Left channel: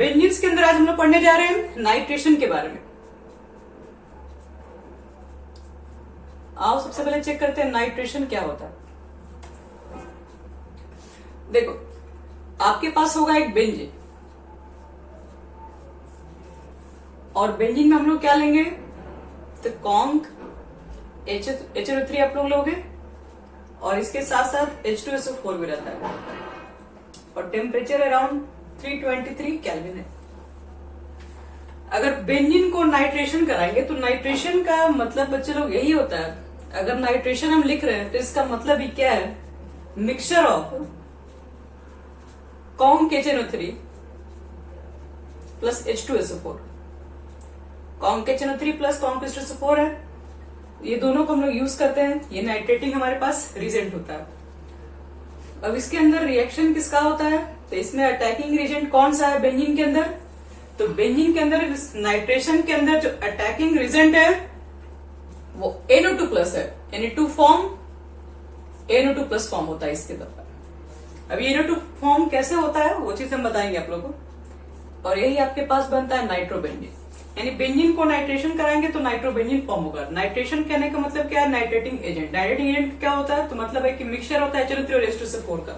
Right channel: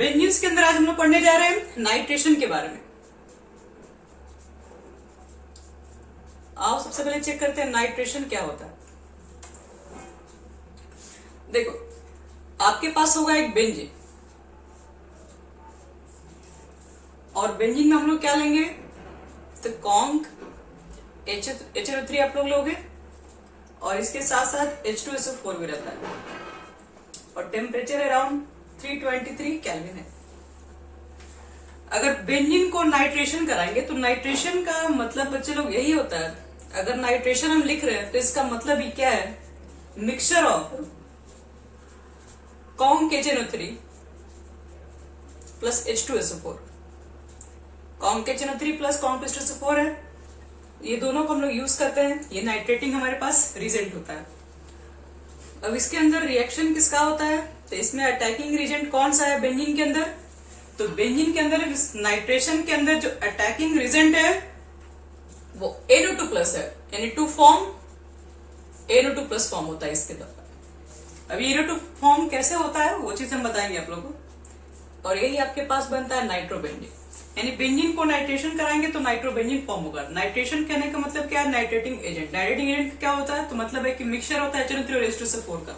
Benzenes के अंदर आज हम लोग पढ़ने जा रहे हैं नाइट्रेशन के बारे में। आओ सबसे पहले चेक करते हैं नाइट्रेशन क्या होता है। देखो, आपके पास होगा एक बेंजीन और बेंजीन में हम लोग क्या लेंगे, तो कॉन्क HNO3 आप लोग लोगे और इसके साथ साथ H2SO4 भी रहता है और टेम्परेचर अराउंड 323 केल्विन है। अगर बेंजीन को नाइट्रेशन कराएंगे तो नाइट्रेशन का मतलब बच्चे लोग यही होता है, अगर नाइट्रेशन हम लिख रहे हैं तो इसका मतलब ही क्या है, mixture of conc HNO3 plus H2SO4। Conc HNO3 plus conc H2SO4 है, ये दोनों को हम लोग यूज करते हैं, ये नाइट्रेटिंग हमारे पास रिजेंट होता है। अब इसके अंदर रिएक्शन किसका होता है, तो इसमें अटैकिंग रिजेंट कौन सा है बेंजीन के अंदर, तो बेंजीन के अंदर नाइट्रेशन के अंदर जो अटैकिंग रिजेंट है वो NO2 प्लस है, Na2 form NO2 plus form होता है इसके अंदर। अब ये NO2 फॉर्म कैसे होता है वो चीज हम बताएंगे आप लोगों को, और यही आपके पास बनता है नाइट्रोबेंजीन। यानी बेंजीन को नाइट्रेशन कराएंगे तो नाइट्रोबेंजीन फॉर्म होगा। नाइट्रेशन कहने का मतलब क्या है, नाइट्रेटिंग एजेंट। नाइट्रेटिंग एजेंट क्या होता है, तो मतलब है कि मिक्सचर होता है HNO3 और H2SO4 का।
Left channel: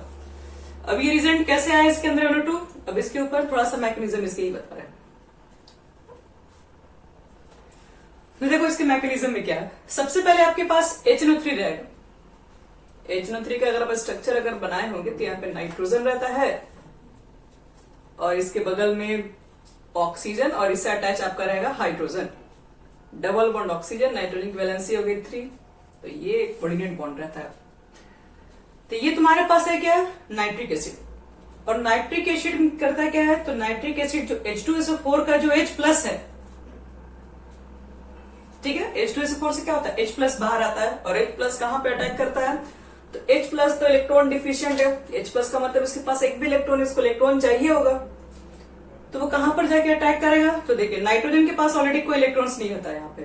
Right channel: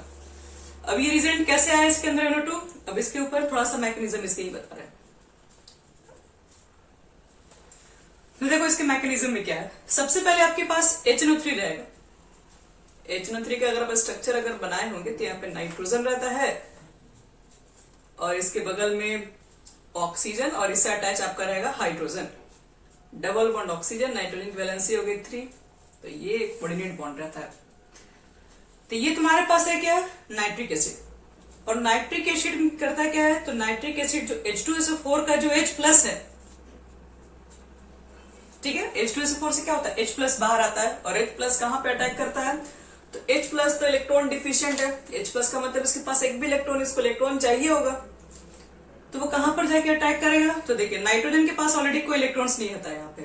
अब ये रिजेंट कैसे आया इसके अंदर NO2, अब इसके ऊपर थोड़ा सा मैकेनिज्म इसके ही बता रहे हैं। तो देखो इसके मैकेनिज्म में क्या है, सबसे पहले आपके पास HNO3 रहेगा। HNO3 का अगर आप स्ट्रक्चर अगर बनाए होंगे तो यहाँ पे नाइट्रोजन रहता है और इसके बगल में ऑक्सीजन और इससे अटैच आपका रहेगा hydrogen. Double bond oxygen, nitrogen की वैलेंसी हो गई 3, तो ये एक कोऑर्डिनेट बॉन्ड रहता है। तो ये तुम्हारे पास है क्या, नाइट्रिक एसिड। और नाइट्रिक एसिड करता क्या है, तो नाइट्रिक एसिड जो H2SO4 का जो H प्लस है, ठीक है, H2SO4 से क्या होता है, H प्लस बाहर आता है और H प्लस कहां पे अटैक करता है, तो H प्लस तो इलेक्ट्रॉन डिफिशिएंट है। H प्लस का मतलब इसके पास एक भी इलेक्ट्रॉन, इसको इलेक्ट्रॉन चाहिए होगा, तो वो कहां पर जाके अटैक करेगा, तो देखिए नाइट्रोजन के पास ऑलरेडी कोई इलेक्ट्रॉन्स नहीं होता है यहाँ पे,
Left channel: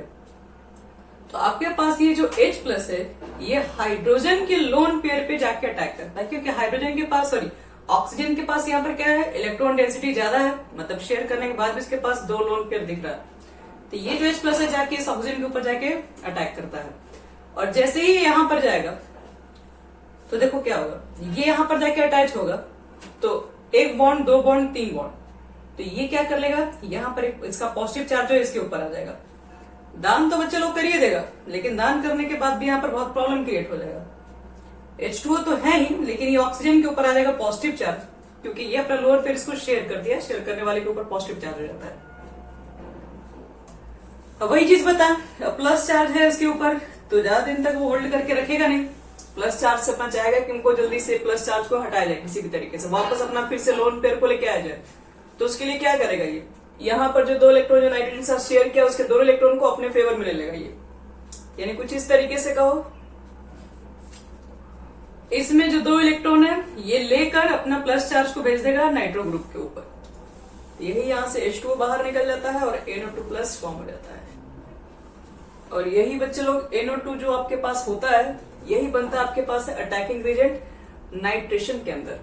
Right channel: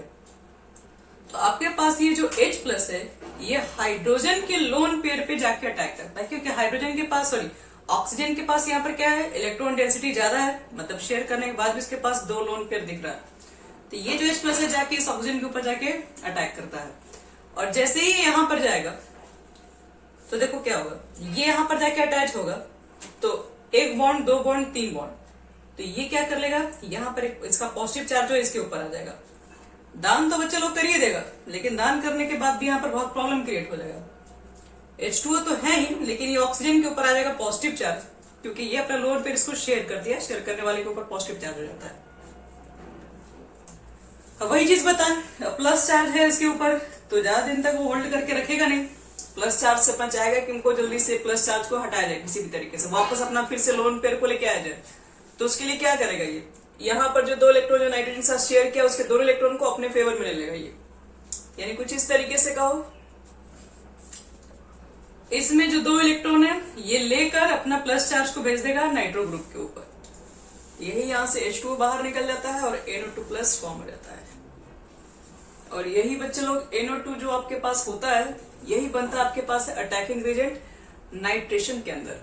तो आपके पास ये जो H प्लस है ये हाइड्रोजन के लोन पेयर पे जाके अटैक करता है, क्योंकि हाइड्रोजन के पास ऑक्सीजन के पास यहाँ पर क्या है, इलेक्ट्रॉन डेंसिटी ज्यादा है, मतलब शेयर करने के बाद भी इसके पास 2 लोन पेयर दिख रहा है। तो ये जो H प्लस है जाके इस ऑक्सीजन के ऊपर जाके अटैक करता है और जैसे ही यहां पर जाएगा तो देखो क्या होगा, ये यहां पर जाके अटैच होगा तो 1 बॉन्ड 2 बॉन्ड 3 बॉन्ड, तो ये क्या कर लेगा, यहां पर इसका पॉजिटिव चार्ज हो इसके ऊपर आ जाएगा। दान तो बच्चे लोग कर ही देगा, लेकिन दान करने के बाद भी यहाँ पर बहुत प्रॉब्लम क्रिएट हो जाएगा। H2O तो है ही, लेकिन ये ऑक्सीजन के ऊपर आ जाएगा पॉजिटिव चार्ज, क्योंकि ये अपना लोअर पेयर इसको शेयर कर दिया, शेयर करने वाले के ऊपर पॉजिटिव चार्ज हो जाता है। अब वही चीज बता, प्लस चार्ज है इसके ऊपर, तो ज्यादा दिन तक वो होल्ड करके रखेगा नहीं। प्लस चार्ज से अपना चाहेगा कि उनको जल्दी से प्लस चार्ज को हटाया जाए किसी भी तरीके से, वापस अपना फिर से लोन पेयर को लेके आया जाए। तो उसके लिए क्या करेगा, ये यहाँ पर जो 2 इलेक्ट्रॉन जो नाइट्रोजन के साथ शेयर किया उसके दोनों इलेक्ट्रॉन को अपने फेवर में ले लेगा ये, यानी कुछ इस तरीके से कहो, इसमें जो 2 इलेक्ट्रॉन है ये लेकर अपना प्लस चार्ज को भेज देगा नाइट्रो ग्रुप के ऊपर, यही यहां से H2O बाहर निकल जाता है और NO2 प्लस फॉर्म हो जाता है। और यही बच्चे लोग NO2 जो आपके पास होता है यही बनता है आपके पास अटैकिंग रिजेंट नाइट्रेशन के अंदर,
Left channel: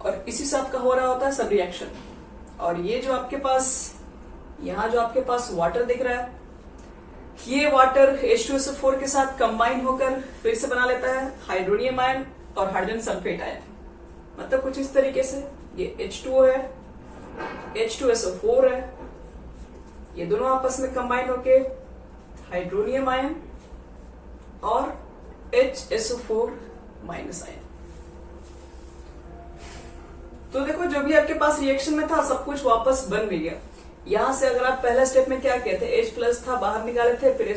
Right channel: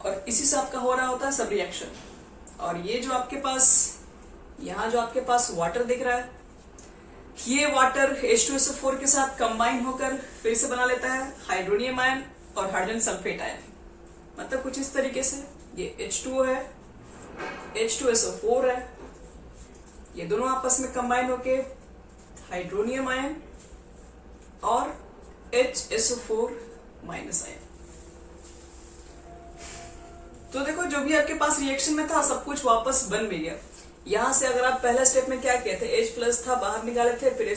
और इसी से आपका हो रहा होता है सब रिएक्शन। और ये जो आपके पास यहां जो आपके पास वाटर दिख रहा है, ये वाटर H2SO4 के साथ कंबाइन होकर फिर से बना लेता है हाइड्रोनियम आयन और हाइड्रोजन सल्फेट आयन। मतलब कुछ इस तरीके से ये H2O है, H2SO4 है, ये दोनों आपस में कंबाइन होके हाइड्रोनियम आयन और HSO4 माइनस आयन। तो देखो जो भी आपके पास रिएक्शन में था सब कुछ वापस बन भी गया। यहां से अगर आप पहला स्टेप में क्या किए थे, H प्लस था बाहर निकाले थे, फिर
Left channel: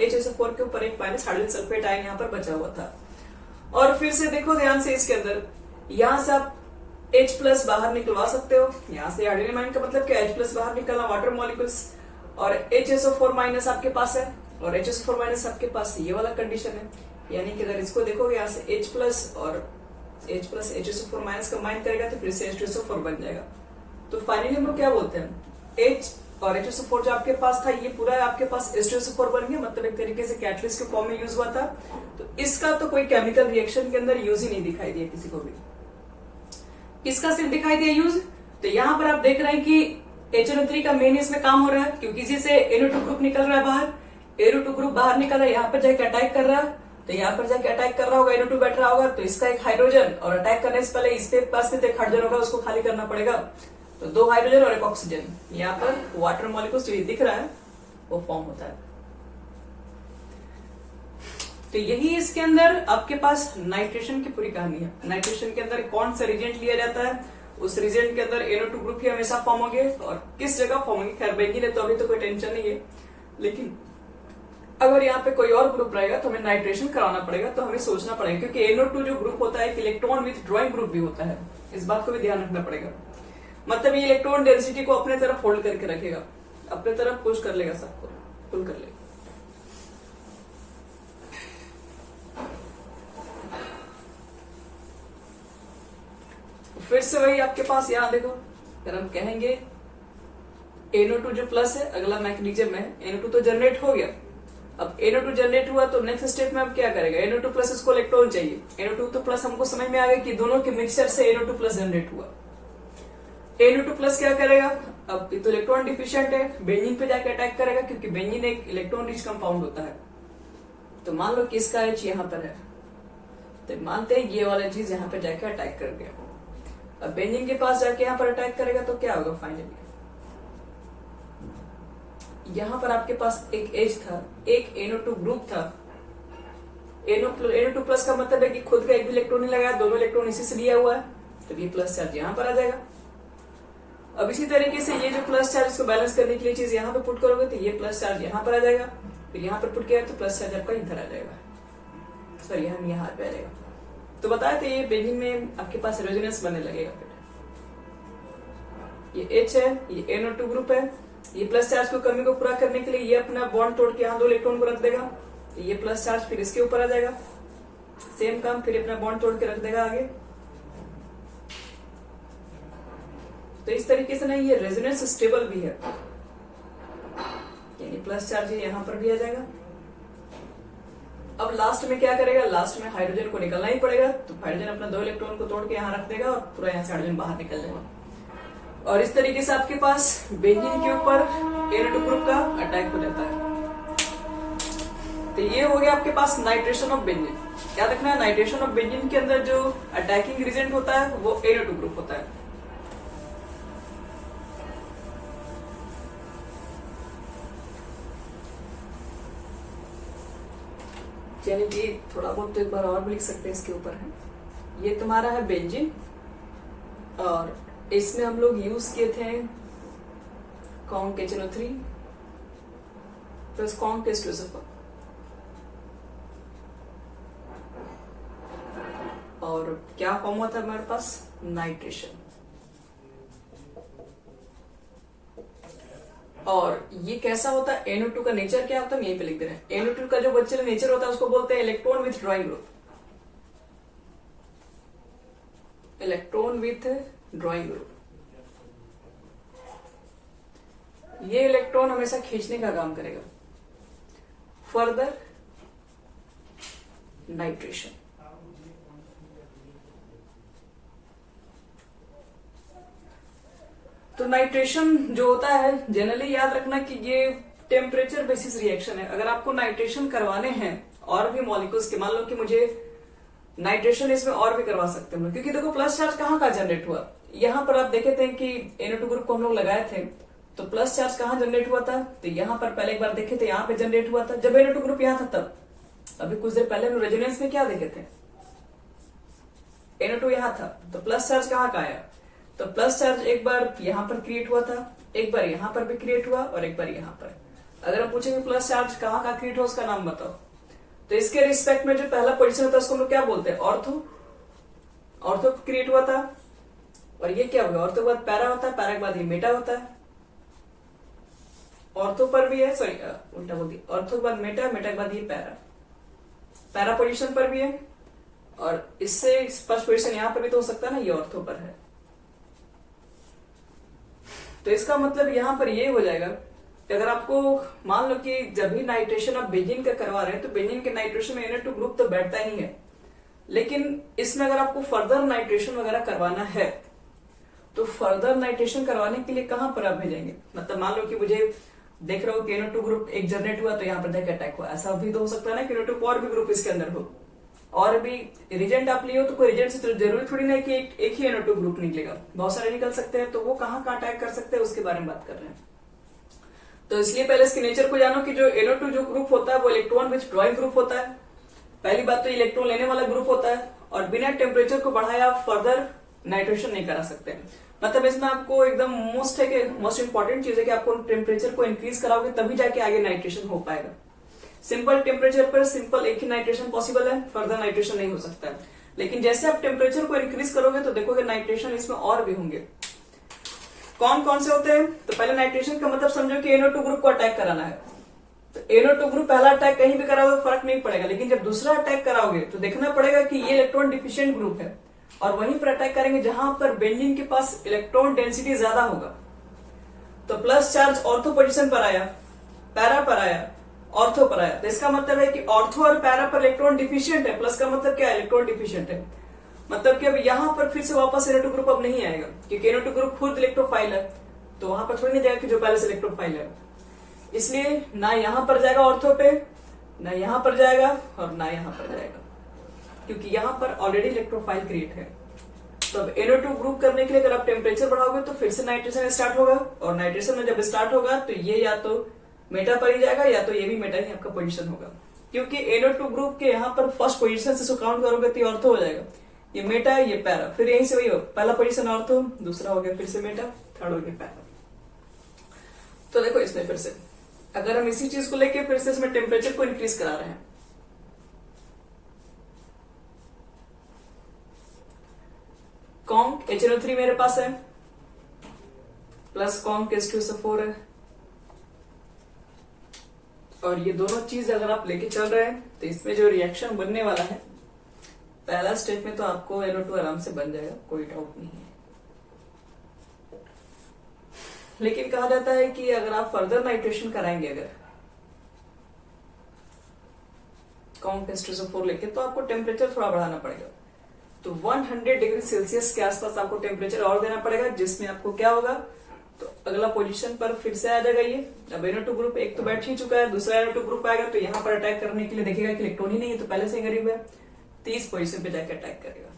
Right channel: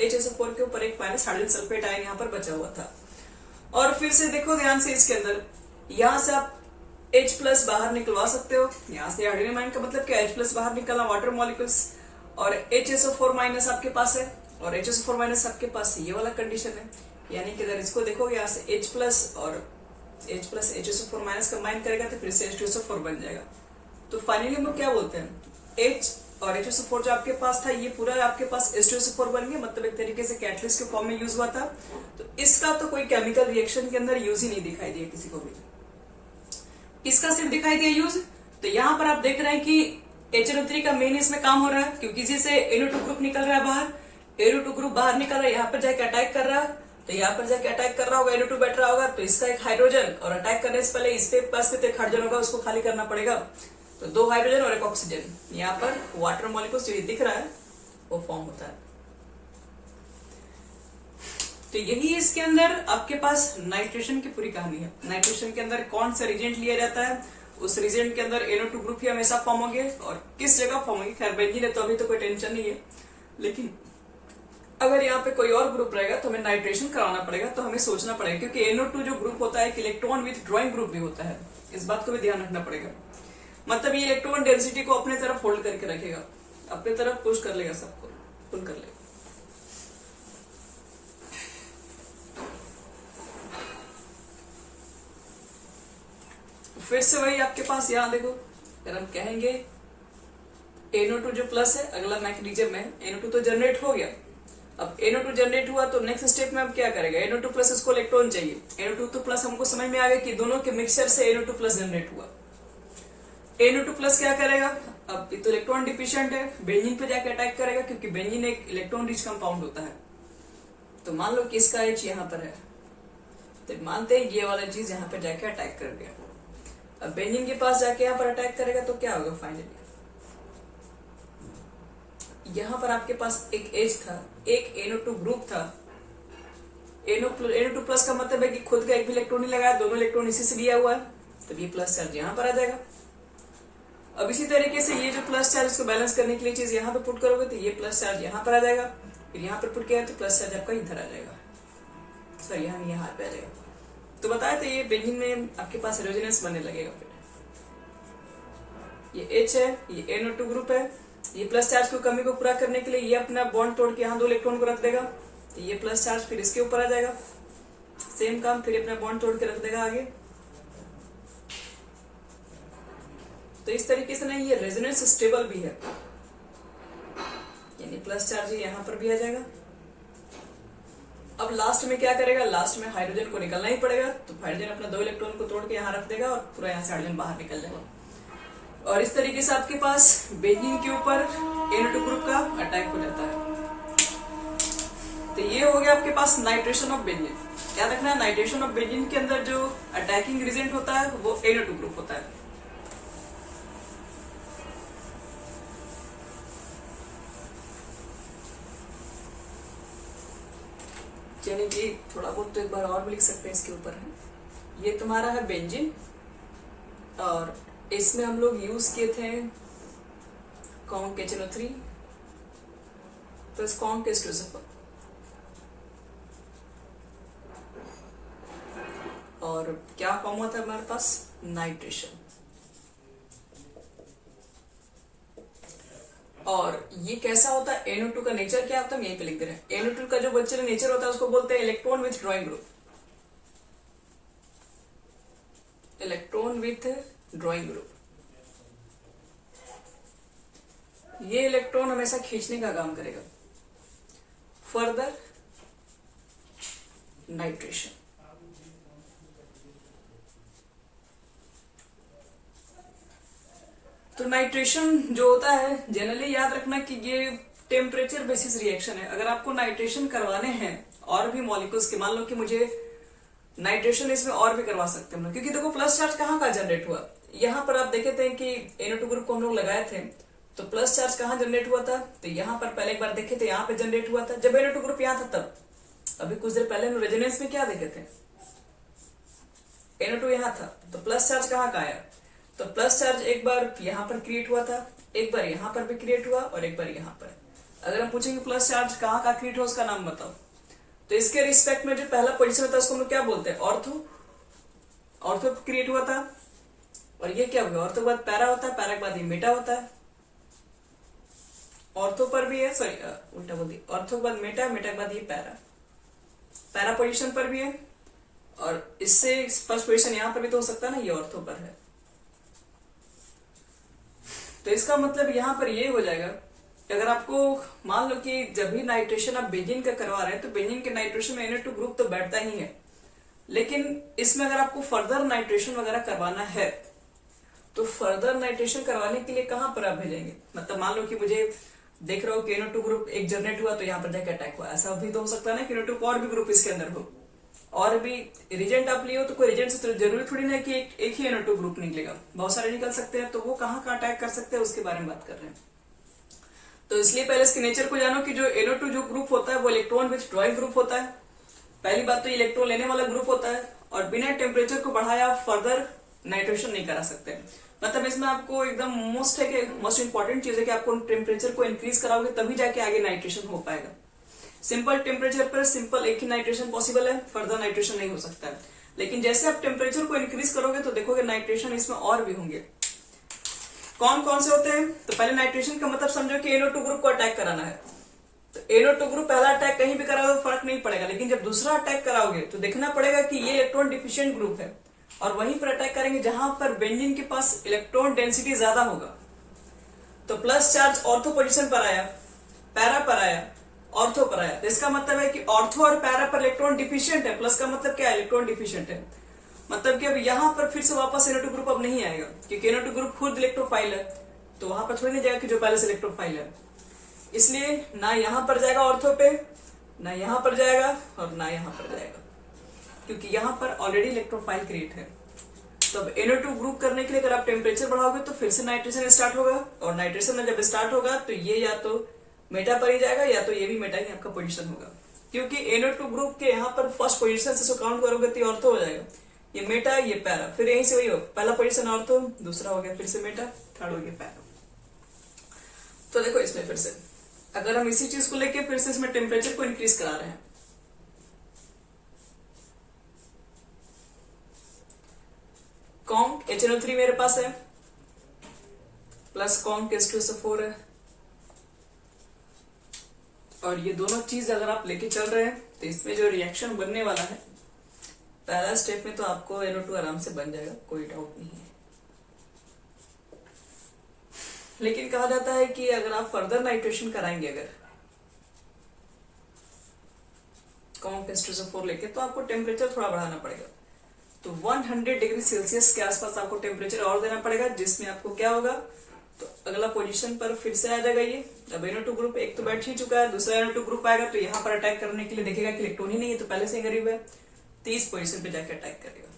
HSO4 के ऊपर एक माइनस हाइड्रोजन सल्फेट आयन यहाँ पर बचा हुआ था। और फिर से देखो ध्यान से इसके अंदर यहां से आप H प्लस बाहर निकलवा सकते हो, यहाँ से हाइड्रोजन आयन का मतलब क्या, H प्लस बाहर निकलना वाटर मॉलिक्यूल्स, और HSO4 माइनस आपके पास है और HSO4 माइनस आपके पास ये वाला कंडीशन है। यानी कि अगर इसको देखोगे यहाँ से H प्लस और H plus HSO4 minus combine करेगा तो फिर से H2SO4 बन जाएगा। तो फाइनली हम लोग क्या बोलते हैं, H और HSO4 जो आपके पास था ये पूरा आपके पास H2SO4 बन गया, मतलब एक तरीके से कैटलिस्ट के फॉर्म में यूज हुआ था। तो इसका तो कोई केमिकल रिएक्शन के अंदर यूज ही नहीं दिखाई दिया किसी को भी। इसका सिर्फ दिखाई दिया यूज। तो यहाँ पर आप देख रहे हैं कि HNO3 का मेन इसमें काम हो रहा है, क्योंकि इसी से NO2 ग्रुप निकल रहा है बाहर। NO2 ग्रुप बाहर निकल रहा है, यहाँ पर जाके अटैक कर रहा है। तो यहाँ पर जाके अटैक कर रहा होगा, NO2 बैठ रहा होगा, तो इसका एक हाइड्रोजन, और अटैक करने से पहले इसके पास भी तो एक हाइड्रोजन होगा, उसको खाली करना पड़ेगा। तो 2 हाइड्रोजन और एक ऑक्सीजन, यहाँ पर वाटर मॉलिक्यूल्स जो दिख रहा है वो फॉर्म होता है। तो यही इसके अंदर आपके पास नाइट्रेशन की पूरी कहानी है। नाइट्रेशन के अंदर कौन सा रिजेंट लिया जाता है, उस रिजेंट के अंदर NO2 ग्रुप ही हमेशा फॉर्म होंगे, और किस जगह फॉर्म होंगे। खैर बेंजीन है तो अभी तो कोई टेंशन नहीं है, लेकिन अगर यहाँ पे कोई और ग्रुप रहेगा तो हमें नाइट्रेशन कराना पड़ेगा, तो हमें सोचना पड़ेगा, क्योंकि NO2 जो ग्रुप होता है एक इलेक्ट्रॉन विथ ड्रॉइंग ग्रुप भी होता है, इस बात को भी ध्यान रखना पड़ेगा। मतलब ये इलेक्ट्रॉन डेंसिटी को अपने तरफ होल्ड करके रखेगा, अपने तरफ पुश कर लेगा, सबको पुल कर लेगा। फिर से वही आपके पास यहाँ देखो, अगर हम कहेंगे NO2 जो प्लस है, अगला मैकेनिज्म है, NO2 तो जनरेट हो गया। अब NO2 जनरेट हुआ तो नेक्स्ट स्टेप में अब क्या करेगा, NO2 प्लस इसको इलेक्ट्रॉन चाहिए। NO2 तो प्लस हमको समझ में आ गया कि दोनों के मिक्सचर से NO2 प्लस जनरेट हुआ। NO2 प्लस क्या करेगा, अब ये तो इलेक्ट्रॉन डिफिशिएंट है, बेंजीन पे जाके अटैक करेगा, क्योंकि बेंजीन एक इलेक्ट्रॉन रिच कंपाउंड होता है। तो मान लो कि इसका H यहाँ पर है, तो मानते हैं ये वाला चीज यहाँ पे जाके अटैक कर गया। अब बेंजीन के पास जाके यहाँ पर अटैक करेगा तो क्या होगा, फाइनली यहाँ पर आपके पास एक H था, एक NO2 ग्रुप था। NO2 प्लस का मतलब है कि खुद का एक भी इलेक्ट्रॉन नहीं लगाया, दोनों इलेक्ट्रॉन इसी से लिया हुआ है, तो ये प्लस चार्ज यहाँ पर आ जाएगा। अब इसी तरीके से ये जो प्लस चार्ज को बैलेंस करने के लिए चीज यहाँ पे पुट करोगे तो ये प्लस चार्ज यहाँ पर आ जाएगा, फिर यहाँ पर पुट किया तो प्लस चार्ज आपका इधर आ जाएगा, सॉरी यहाँ पे आ जाएगा। तो बताया तो ये बेंजीन में आपके पास रेजोनेंस बनने लगेगा। फिर ये H है, ये NO2 ग्रुप है, ये प्लस चार्ज की कमी को पूरा करने के लिए ये अपना बॉन्ड तोड़ के यहाँ 2 इलेक्ट्रॉन को रख देगा, ये प्लस चार्ज फिर इसके ऊपर आ जाएगा, सेम काम फिर अपना बॉन्ड तोड़ के रख देगा आगे। तो इस तरीके से नहीं, ये रेजोनेंस स्टेबल भी है, यानी प्लस चार्ज यहाँ पर भी आ जाएगा। अब लास्ट में क्या करेगा, लास्ट में हाइड्रोजन को निकलना ही पड़ेगा, तो हाइड्रोजन अपना 2 इलेक्ट्रॉन को तोड़ के यहाँ रख देगा और पूरा यहाँ से हाइड्रोजन बाहर निकल जाएगा। और इस तरीके से आपके पास बेंजीन के ऊपर NO2 ग्रुप का अटैक हो जाता है। तो ये हो गया आपके पास नाइट्रेशन ऑफ बेंजीन। क्या रखना है, नाइट्रेशन ऑफ बेंजीन के अंदर जो अटैकिंग रिजेंट होता है वो NO2 ग्रुप होता है। यानी कि थोड़ा बहुत तो एक बार और भी लिख सकते हैं इसके ऊपर है। ये तुम्हारा है बेंजीन, और इसमें हम लोग यूज किए थे conc HNO3 plus conc H2SO4, और क्या फॉर्म हुआ था हमारे पास, नाइट्रेशन। और ये कैसा होता है, NO2 का नेचर क्या होता है, हम यहीं पे लिख दे रहे हैं। NO2 का जो बच्चे नेचर होता है उसको बोलते हैं electron with drawing group, electron with drawing group. ये इलेक्ट्रॉन हमेशा खींचने का काम करेगा। फर्दर नाइट्रेशन, तो नाइट्रेशन जो होता है जनरली याद रखना कि ये टेम्परेचर बेसिस रिएक्शन है। अगर आपको नाइट्रेशन करवाने हैं और भी मॉलिक्यूल्स के, मान लो कि मुझे नाइट्रेशन इसमें और भी करवा सकते हैं, क्योंकि देखो प्लस चार्ज कहाँ का जनरेट हुआ, यहाँ पर आप देखे थे कि NO2 ग्रुप को हम लोग लगाए थे, तो प्लस चार्ज कहाँ जनरेट हुआ था, तो यहाँ पर पहले एक बार देखे थे, यहाँ पे जनरेट हुआ था जब NO2 ग्रुप यहाँ था तब। अभी कुछ देर पहले रेजोनेंस में क्या देखे थे, NO2 यहाँ था, तो प्लस चार्ज कहाँ का आया, तो प्लस चार्ज एक बार यहाँ पर क्रिएट हुआ था, एक बार यहाँ पर भी क्रिएट हुआ, और एक बार यहाँ पर। अगर हम पूछेंगे प्लस चार्ज कहाँ का क्रिएट हुआ उसका नाम बताओ, तो इसके रिस्पेक्ट में जो पहला पोजीशन होता है उसको हम लोग क्या बोलते हैं, ऑर्थो क्रिएट हुआ था। और ये क्या होगा, ऑर्थो के बाद पैरा होता है, पैरा के बाद ये मेटा होता है। ऑर्थो पर भी है, सॉरी उल्टा बोल दिया, ऑर्थो के बाद मेटा, मेटा के बाद ये पैरा पोजीशन पर भी है, और इससे फर्स्ट पोजीशन यहाँ पर भी तो हो सकता है ना, ये ऑर्थो पर है। तो इसका मतलब यहाँ पर ये हो जाएगा कि अगर आपको मान लो कि जब भी नाइट्रेशन आप बेंजीन का करवा रहे हैं तो बेंजीन के नाइट्रेशन में NO2 ग्रुप तो बैठता ही है, लेकिन इसमें अगर आपको फर्दर नाइट्रेशन वगैरह करवाना है तो फर्दर नाइट्रेशन करवाने के लिए कहां पर आप भेजेंगे? मतलब मान लो कि मुझे देख रहे हो कि NO2 ग्रुप एक जनरेट हुआ तो यहाँ पर जाके अटैक हुआ, ऐसा भी तो हो सकता है ना कि NO2 और भी ग्रुप इसके अंदर हो, और भी रिजेंट आप लियो तो कोई रिजेंट से तो जरूरी थोड़ी ना कि एक ही NO2 ग्रुप निकलेगा, बहुत सारे निकल सकते हैं। तो वो कहाँ अटैक कर सकते हैं उसके बारे में बात कर रहे हैं। तो इसलिए पहले इसके नेचर को जानो कि जो NO2 जो ग्रुप होता है वो इलेक्ट्रॉन विथ ड्रॉइंग ग्रुप होता है। पहली बात तो इलेक्ट्रॉन लेने वाला ग्रुप होता है, और बिना टेम्परेचर को बढ़ाया फर्दर नाइट्रेशन नहीं करा सकते। मतलब इसमें आपको एकदम मोस्ट इंपॉर्टेंट चीज है कि आपको टेम्परेचर को इंक्रीज कराओगे तभी जाके आगे नाइट्रेशन हो पाएगा। सिंपल टेम्परेचर पर सिंपल एक ही नाइट्रेशन पॉसिबल है, फर्दर नाइट्रेशन नहीं हो सकता है। लेकिन जैसे आप टेम्परेचर को इंक्रीज करोगे तो देखोगे नाइट्रेशन इसमें और भी होंगे। कौन कौन से होते हैं? तो पहले नाइट्रेशन का मतलब समझो कि NO2 ग्रुप को अटैक कराना है। तो NO2 ग्रुप पहला अटैक कहीं भी कराओगे तो फर्क नहीं पड़ेगा, लेकिन जब दूसरा अटैक कराओगे तो देखना पड़ेगा कि ये इलेक्ट्रॉन डिफिशिएंट ग्रुप है, और वहीं पर अटैक करेंगे जहां पर बेंजीन के पास इलेक्ट्रॉन डेंसिटी ज्यादा होगा। तो प्लस चार्ज ऑर्थो पोजीशन पर आया, पैरा पर आया, ऑर्थो पर आया। तो इसका मतलब है कि ऑर्थो और पैरा पर इलेक्ट्रॉन डिफिशिएंट है। प्लस का मतलब क्या है? इलेक्ट्रॉन डिफिशिएंट है। मतलब कि अब यहां पर फिर से वापस NO2 ग्रुप अब नहीं आएगा, क्योंकि NO2 ग्रुप खुद इलेक्ट्रोफाइल है, तो वहां पर थोड़ी नहीं जाएगा कि जो पहले से इलेक्ट्रोफाइल है। इसलिए ना यहां पर जाएगा ऑर्थो पे, ना यहां पर जाएगा, और ना यहां पर जाएगा, क्योंकि यहां पर ऑलरेडी इलेक्ट्रोफाइल क्रिएट है। तो अब NO2 ग्रुप करने के लिए अगर आप टेम्परेचर बढ़ाओगे तो फिर से नाइट्रेशन स्टार्ट होगा, और नाइट्रेशन जब स्टार्ट होगा तो ये या तो मेटा पर ही जाएगा या तो ये भी मेटा ही आपका पोजीशन होगा, क्योंकि NO2 ग्रुप के यहाँ पर फर्स्ट पोजीशन से काउंट करोगे तो ऑर्थो हो जाएगा, ये मेटा ये पैरा, फिर यहीं से वही हो, पहला पोजीशन ऑर्थो, दूसरा हो गया फिर से मेटा, थर्ड हो गया पैरा। तो देखो इसमें फिर से अगर हम इसी चीज को लेके फिर से इसमें टेम्परेचर को इंक्रीज करा रहे हैं, कॉन्क HNO3 मेरे पास है, प्लस कॉन्क H2SO4 है, और ये दोनों चीज अगर आप लेके चल रहे हैं तो इसमें जो रिएक्शन बनने वाला है पहला स्टेप में तो आपको NO2 आराम से बन जाएगा, कोई डाउट नहीं है। लेकिन कहा जाता है कि अगर आप फर्दर नाइट्रेशन कराएंगे अगर कॉन्क H2SO4 लेके, तो आपको टेम्परेचर थोड़ा बढ़ाना पड़ेगा। तो 100 डिग्री सेल्सियस के आसपास आपको टेम्परेचर और देना पड़ेगा, जिसमें आपको क्या होगा, तो अगला पोजीशन पर फिर से आ जाएगा ये। अब NO2 ग्रुप एक तो बैठ ही चुका है, दूसरा NO2 ग्रुप आएगा तो यहाँ पर अटैक करने के लिए देखेगा कि इलेक्ट्रॉन ही नहीं है, तो पहले से गरीब है, 30 पोजीशन पे जाकर अटैक करेगा।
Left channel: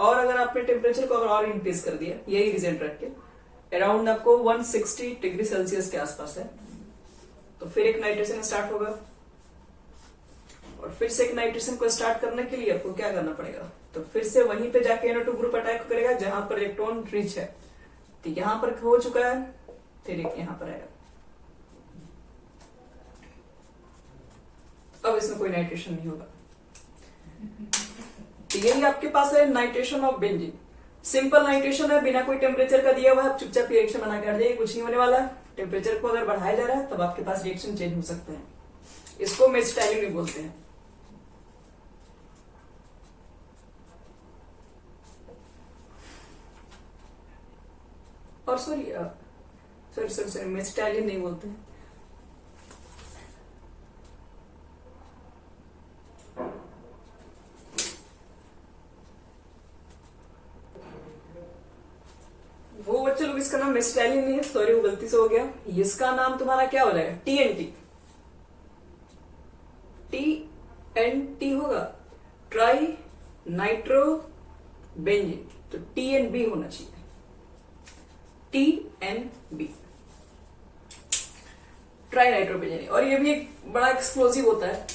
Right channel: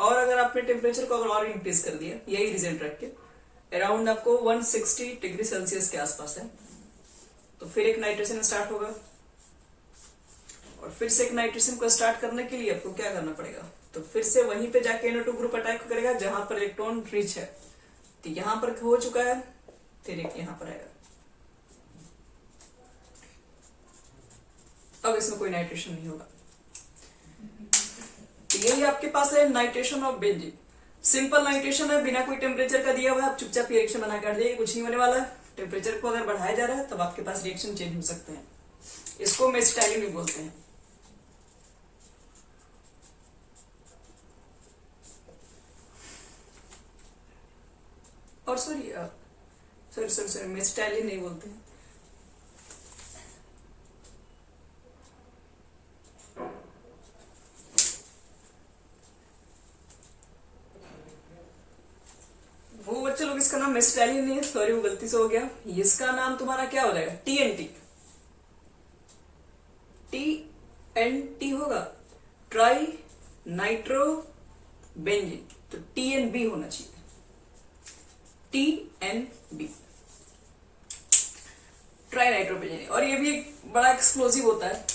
और अगर आपने टेम्परेचर को अगर और इंक्रीज कर दिया यही रिजल्ट रख के, अराउंड आपको 160 डिग्री सेल्सियस के आसपास है, तो फिर एक नाइट्रेशन स्टार्ट होगा, और फिर से एक नाइट्रेशन को स्टार्ट करने के लिए आपको क्या करना पड़ेगा, तो फिर से वहीं पे जाके NO2 ग्रुप अटैक करेगा जहां पर इलेक्ट्रॉन रिच है। तो यहां पर हो चुका है, फिर एक यहां पर आएगा। अब इसमें कोई नाइट्रेशन नहीं होगा। तो यही आपके पास है nitration of benzene. Simple nitration है, बिना कोई टेम्परेचर का दिया हुआ है, चुपचाप रिएक्शन बना कर देगा, कुछ नहीं होने वाला है। टेम्परेचर को अगर बढ़ाया जा रहा है तब आपके पास रिएक्शन चेंज हो सकते हैं, इसको मेसिटाइलिन बोलते हैं। और सॉरी मेसिटाइलिन नहीं बोलते हैं, वो बच्चे लोग इसका नाम मेसिटाइलिन नहीं है, सॉरी वो गलती से हो गया। इसका नाम तुम्हारा क्या हो जाएगा? TNT। TNT होगा, ट्राई नाइट्रो बेंजीन, तो TNB होना चाहिए, TNB, ट्राई नाइट्रो बेंजीन। और ये भी एक बड़ा एक्सप्लोजिव होता है।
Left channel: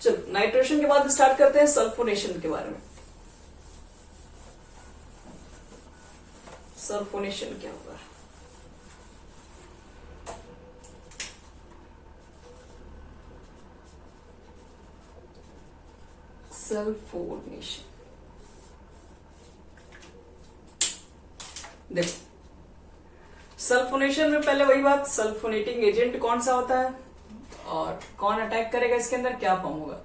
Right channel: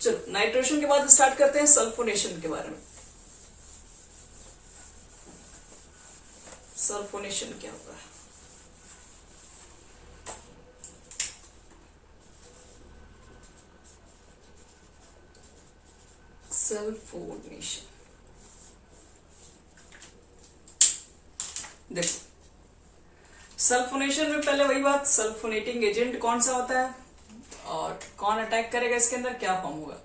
चलो नाइट्रेशन के बाद स्टार्ट करते हैं सल्फोनेशन के बारे में। सल्फोनेशन क्या होता है? सल्फोनेशन देखो, सल्फोनेशन में पहले वही बात, सल्फोनेटिंग एजेंट कौन सा होता है और कौन अटैक करेगा, इसके अंदर क्या फॉर्म होगा।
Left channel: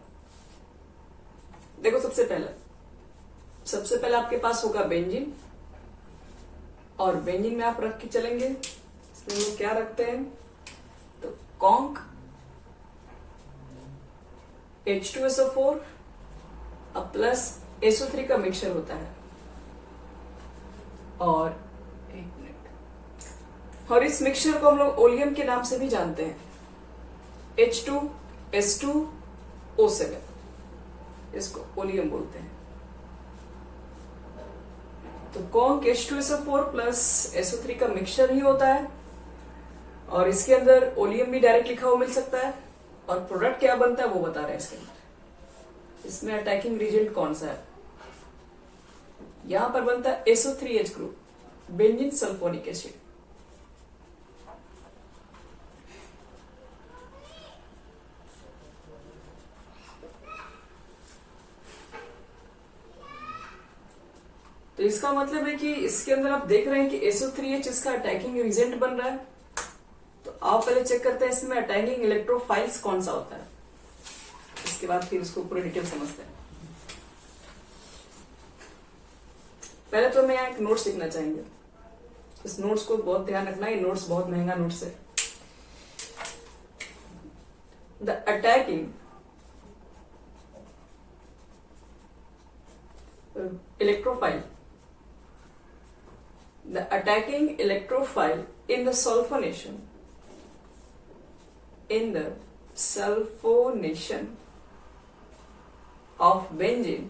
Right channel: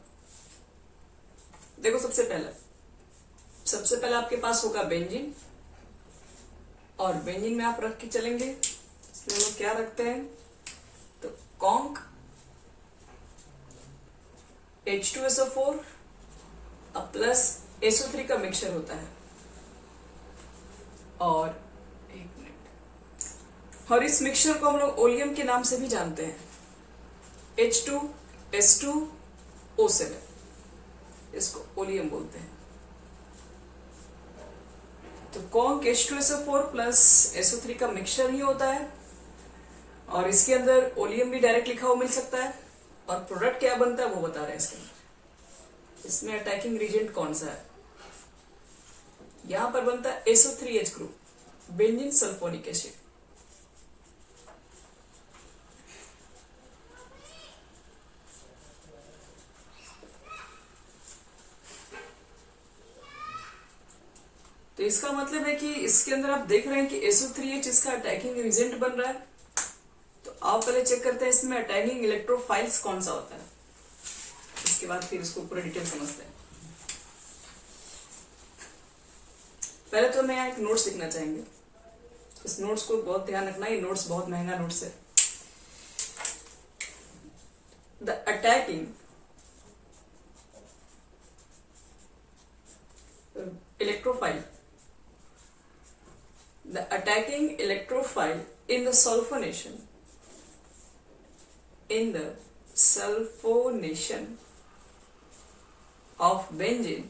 देखो सबसे पहले आपके पास होगा बेंजीन, और बेंजीन में आप रख के चलेंगे, इसमें हम लोग क्या रखते हैं, कॉन्क H2SO4 अब प्लस SO3 का मिक्सचर होता है। और एक मिनट, और इस मिक्सचर को हम लोग ओलियम के नाम से भी जानते हैं, H2S2O7, इसको ओलियम बोलते हैं। तो कॉन्क H2SO4 प्लस SO3 का मिक्सचर ही होता है, और इसके अंदर ओलियम भी डायरेक्ट लिखा हुआ मिल सकता है, और प्रोडक्ट क्या बनता है वो बता रहे हैं इसके अंदर। इसमें अटैकिंग रीजेंट कौन सा है? यहां पर बनता है SO3H group, benzene sulphonic acid. तो इसका मतलब है कि इसके अंदर आप देख रहे हैं कि SO3H इसका अटैकिंग रीजेंट बन रहा है। तो आप पहले चेक करते हैं इसमें अटैकिंग इलेक्ट्रोफाइल्स कौन सा होता है, इसके बाद फिर इसको पूरा डिटेल समझते हैं। पहले तो मैं यहाँ एक नोट्स लिखना चाहेंगे, इस नोट्स को बहुत ध्यान रखना, ये नोट्स बहुत महंगा नोट्स है। The attacking electrophile, the attacking electrophile in the sulfonation of benzene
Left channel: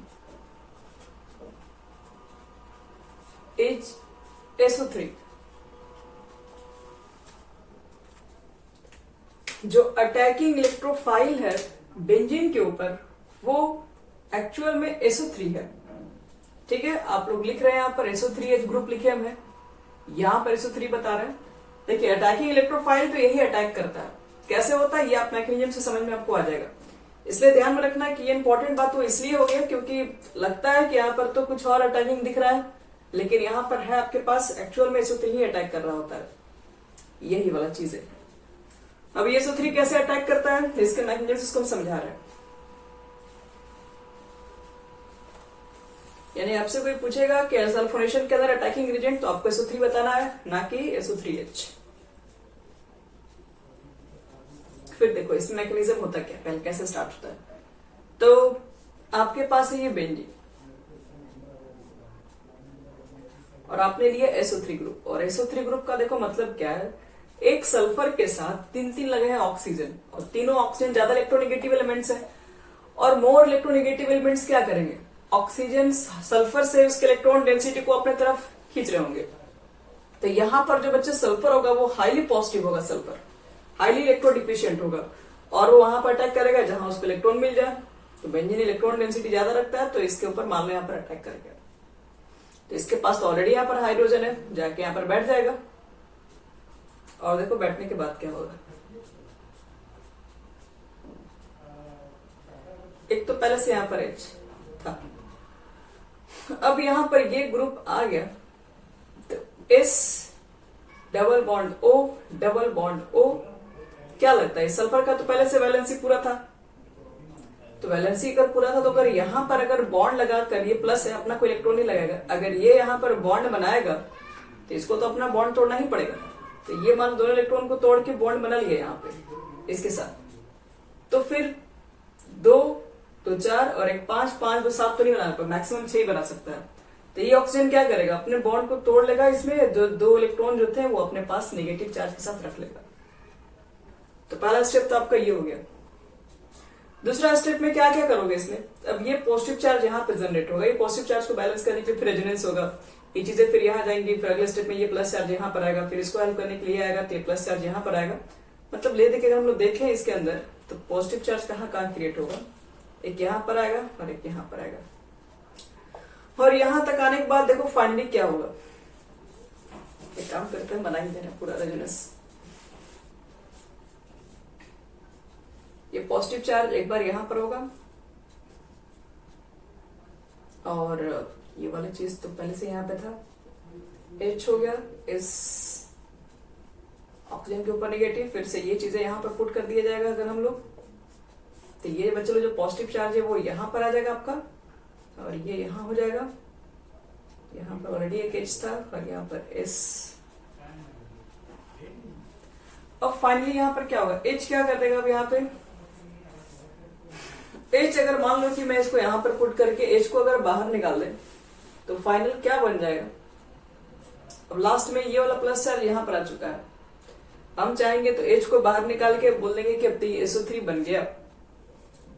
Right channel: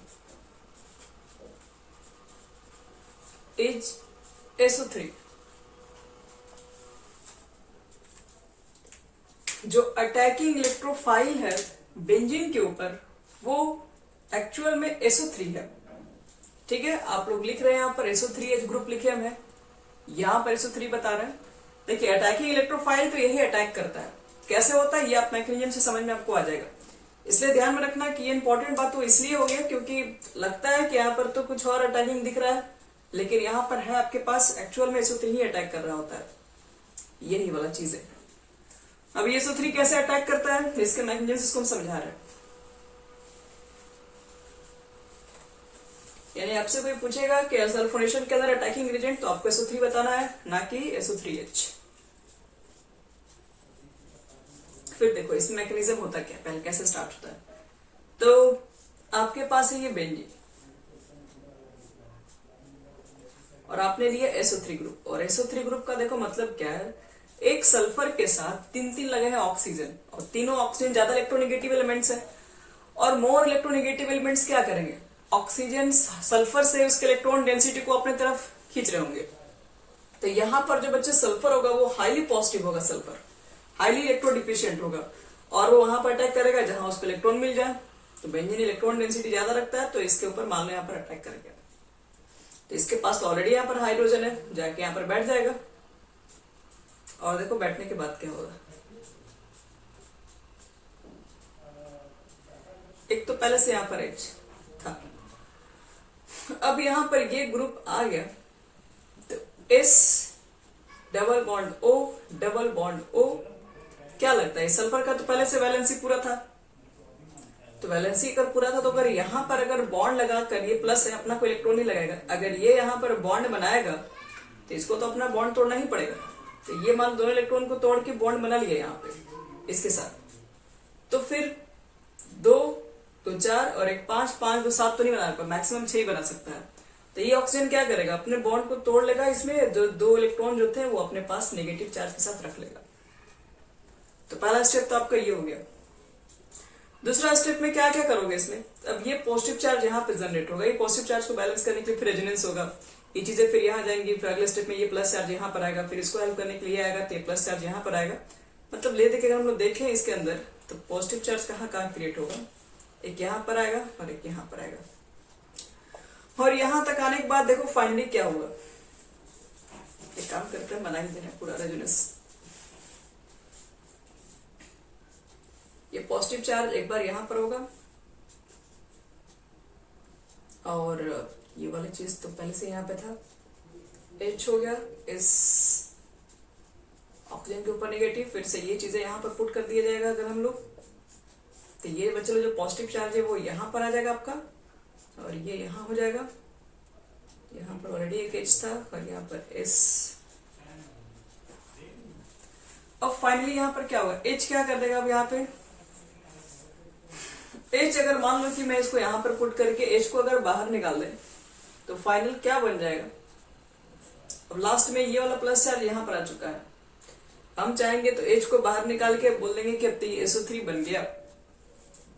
is SO3। जो अटैकिंग इलेक्ट्रोफाइल है बेंजीन के ऊपर वो एक्चुअल में SO3 है। ठीक है, आप लोग लिख रहे हैं यहाँ पर SO3H ग्रुप लिखे हम हैं, यहाँ पर SO3 बता रहे हैं। देखिए अटैकिंग इलेक्ट्रोफाइल तो यही अटैक करता है, कैसे होता है ये आप मैकेनिज्म से समझ में आपको आ जाएगा। इसलिए ध्यान में रखना कि ये इंपॉर्टेंट बात तो इसलिए हो गया क्योंकि लगता है कि यहाँ पर तो कुछ और अटैकिंग दिख रहा है, लेकिन यहाँ पर है आपके पास एक्चुअल में SO3 ही अटैक कर रहा होता है, यही वाला चीज है। अब ये SO3 कैसे अटैक करता है, इसके मैकेनिज्म को हम समझा रहे हैं। यानी आपसे कोई पूछेगा कि सल्फोनेशन के अंदर अटैकिंग एजेंट, तो आपको SO3 बताना है, ना कि SO3H। फिर देखो इसमें मैकेनिज्म होता क्या, पहले कैसे स्टार्ट होता है। तो आपके पास है ये बेंजीन और आपने लिया SO3 ग्रुप, और SO3 ग्रुप का देखो मतलब क्या है, एक सल्फर के साथ तीन लगे हैं ऑक्सीजन, और तीनों ऑक्सीजन ज्यादा इलेक्ट्रोनेगेटिव एलिमेंट्स है, और मोर इलेक्ट्रोनेगेटिव एलिमेंट्स क्या करेंगे, ऑक्सीजन सल्फर से उसके इलेक्ट्रॉन डेंसिटी को अपने तरफ खींच रहे होंगे। तो यहां पर जो बच्चे सल्फर होगा वो हाईली पॉजिटिव होगा, सल्फर हाईली इलेक्ट्रोडिफिशिएंट होगा, और वो वहां पर अटैक करेगा जहां उसको इलेक्ट्रॉन मिल जाए। तो बेंजीन इलेक्ट्रॉन डेंसिटी ज्यादा रखता है, तो इसके ऊपर मान लो यहाँ पर अटैक करेगा। तो इसके पास तो ऑलरेडी यहाँ पर हाइड्रोजन है, जाके यहाँ पर बैठ जाएगा, और देखो बैठने के बाद क्या होगा। एक तो पहले से यहाँ पर H था, अब यहां पर ये ग्रुप आ गया, तो S double bond O double bond O, क्या लगता है सल्फर का तो पहले से वैलेंसी पूरा था, तो वैलेंसी अगर पूरा था तो अगर यहां पर अगर बॉन्ड लगाकर, ये प्लस है अपना कोई इलेक्ट्रॉन नहीं लगाएगा, अगर ये यहां पर बॉन्ड बनाएगा तो इसको तो अपना बॉन्ड तोड़ना ही पड़ेगा। तो ये मान दोनों इलेक्ट्रॉन को तोड़ के बॉन्ड बना लिया यहाँ पे इसके साथ, तो फिर 2 तो 4 और 1 5 5 2 7 तो नहीं बना पाएगा, मैक्सिमम 6 बना सकता है। तो ये ऑक्सीजन क्या करेगा, अपने बॉन्ड को तोड़ लेगा, इसमें जो 2 इलेक्ट्रॉन जो थे वो अपने पास नेगेटिव चार्ज के साथ रख लेगा। तो पहला स्टेप तो आपका ये हो गया। दूसरा स्टेप में क्या क्या करोगे इसमें, अब ये पॉजिटिव चार्ज यहाँ पे जनरेट होगा, ये पॉजिटिव चार्ज को बैलेंस करने के लिए फिर रेजोनेंस होगा, ये चीजें फिर यहाँ जाएंगी, फिर अगले स्टेप में ये प्लस चार्ज यहाँ पर आएगा, फिर इसको हेल्प करने के लिए आएगा, तो ये प्लस चार्ज यहाँ पर आएगा। मतलब ले देखिएगा हम लोग देखें इसके अंदर, तो पॉजिटिव चार्ज कहाँ क्रिएट होगा, एक यहाँ पर आएगा और एक यहाँ पर आएगा, और यहां तक आने के बाद देखो फाइनली क्या होगा। एक काम करते हैं, बना ही देना पूरा रेजोनेंस। ये पॉजिटिव चार्ज एक बार यहां पर होगा, और ये वाली चीज तो पहले से यहां पे था, H हो गया, इस ऑक्सीजन के ऊपर नेगेटिव, फिर से ये चीजें यहां पर पुट कर दिया जाएगा अगर हम लोग, तो ये बच्चे लोग जो पॉजिटिव चार्ज है वो यहां पर आ जाएगा आपका, और ये यहां हो जाएगा, यहां पर ऑलरेडी एक H था और यहां पर S। अब फाइनली यहां पर क्या होगा, H क्या कर देगा अब यहाँ पे, H अगर मान लो कि मैं इसको यहां पर पुट करके H को अगर बाहर निकाल दें तो फाइनल क्या बन जाएगा? अब लास्ट में ये वाला प्लस चार्ज यहां पर आ चुका है, हम चाहेंगे तो H को बाहर निकाल के बोल देंगे कि अब तो ये SO3 बन गया।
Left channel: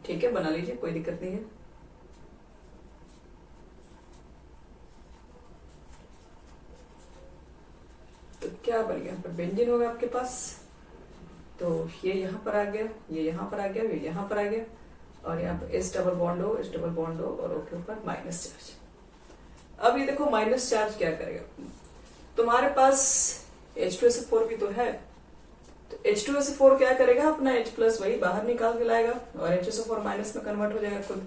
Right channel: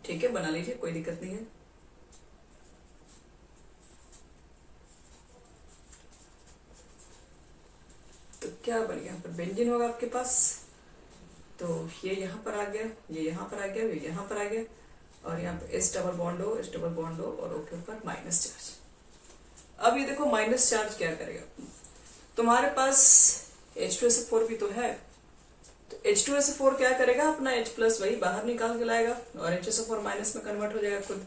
ठीक है, बना लीजिए, कोई दिक्कत नहीं है। तो क्या बन गया? पर बेंजीन होगा आपके पास, तो ये यहां पर आ गया, ये यहां पर आ गया, ये यहां पर आ गया, और यहाँ पे S डबल बॉन्ड हो, S डबल बॉन्ड हो, और ओके ऊपर माइनस चार्ज। अब ये देखो माइनस चार्ज क्या करेगा, तुम्हारे पास H2SO4 भी तो है, तो H2SO4 क्या करेगा, अपना H प्लस वही बाहर निकाल के लाएगा और HSO4 माइनस में कन्वर्ट हो जाएगा खुद।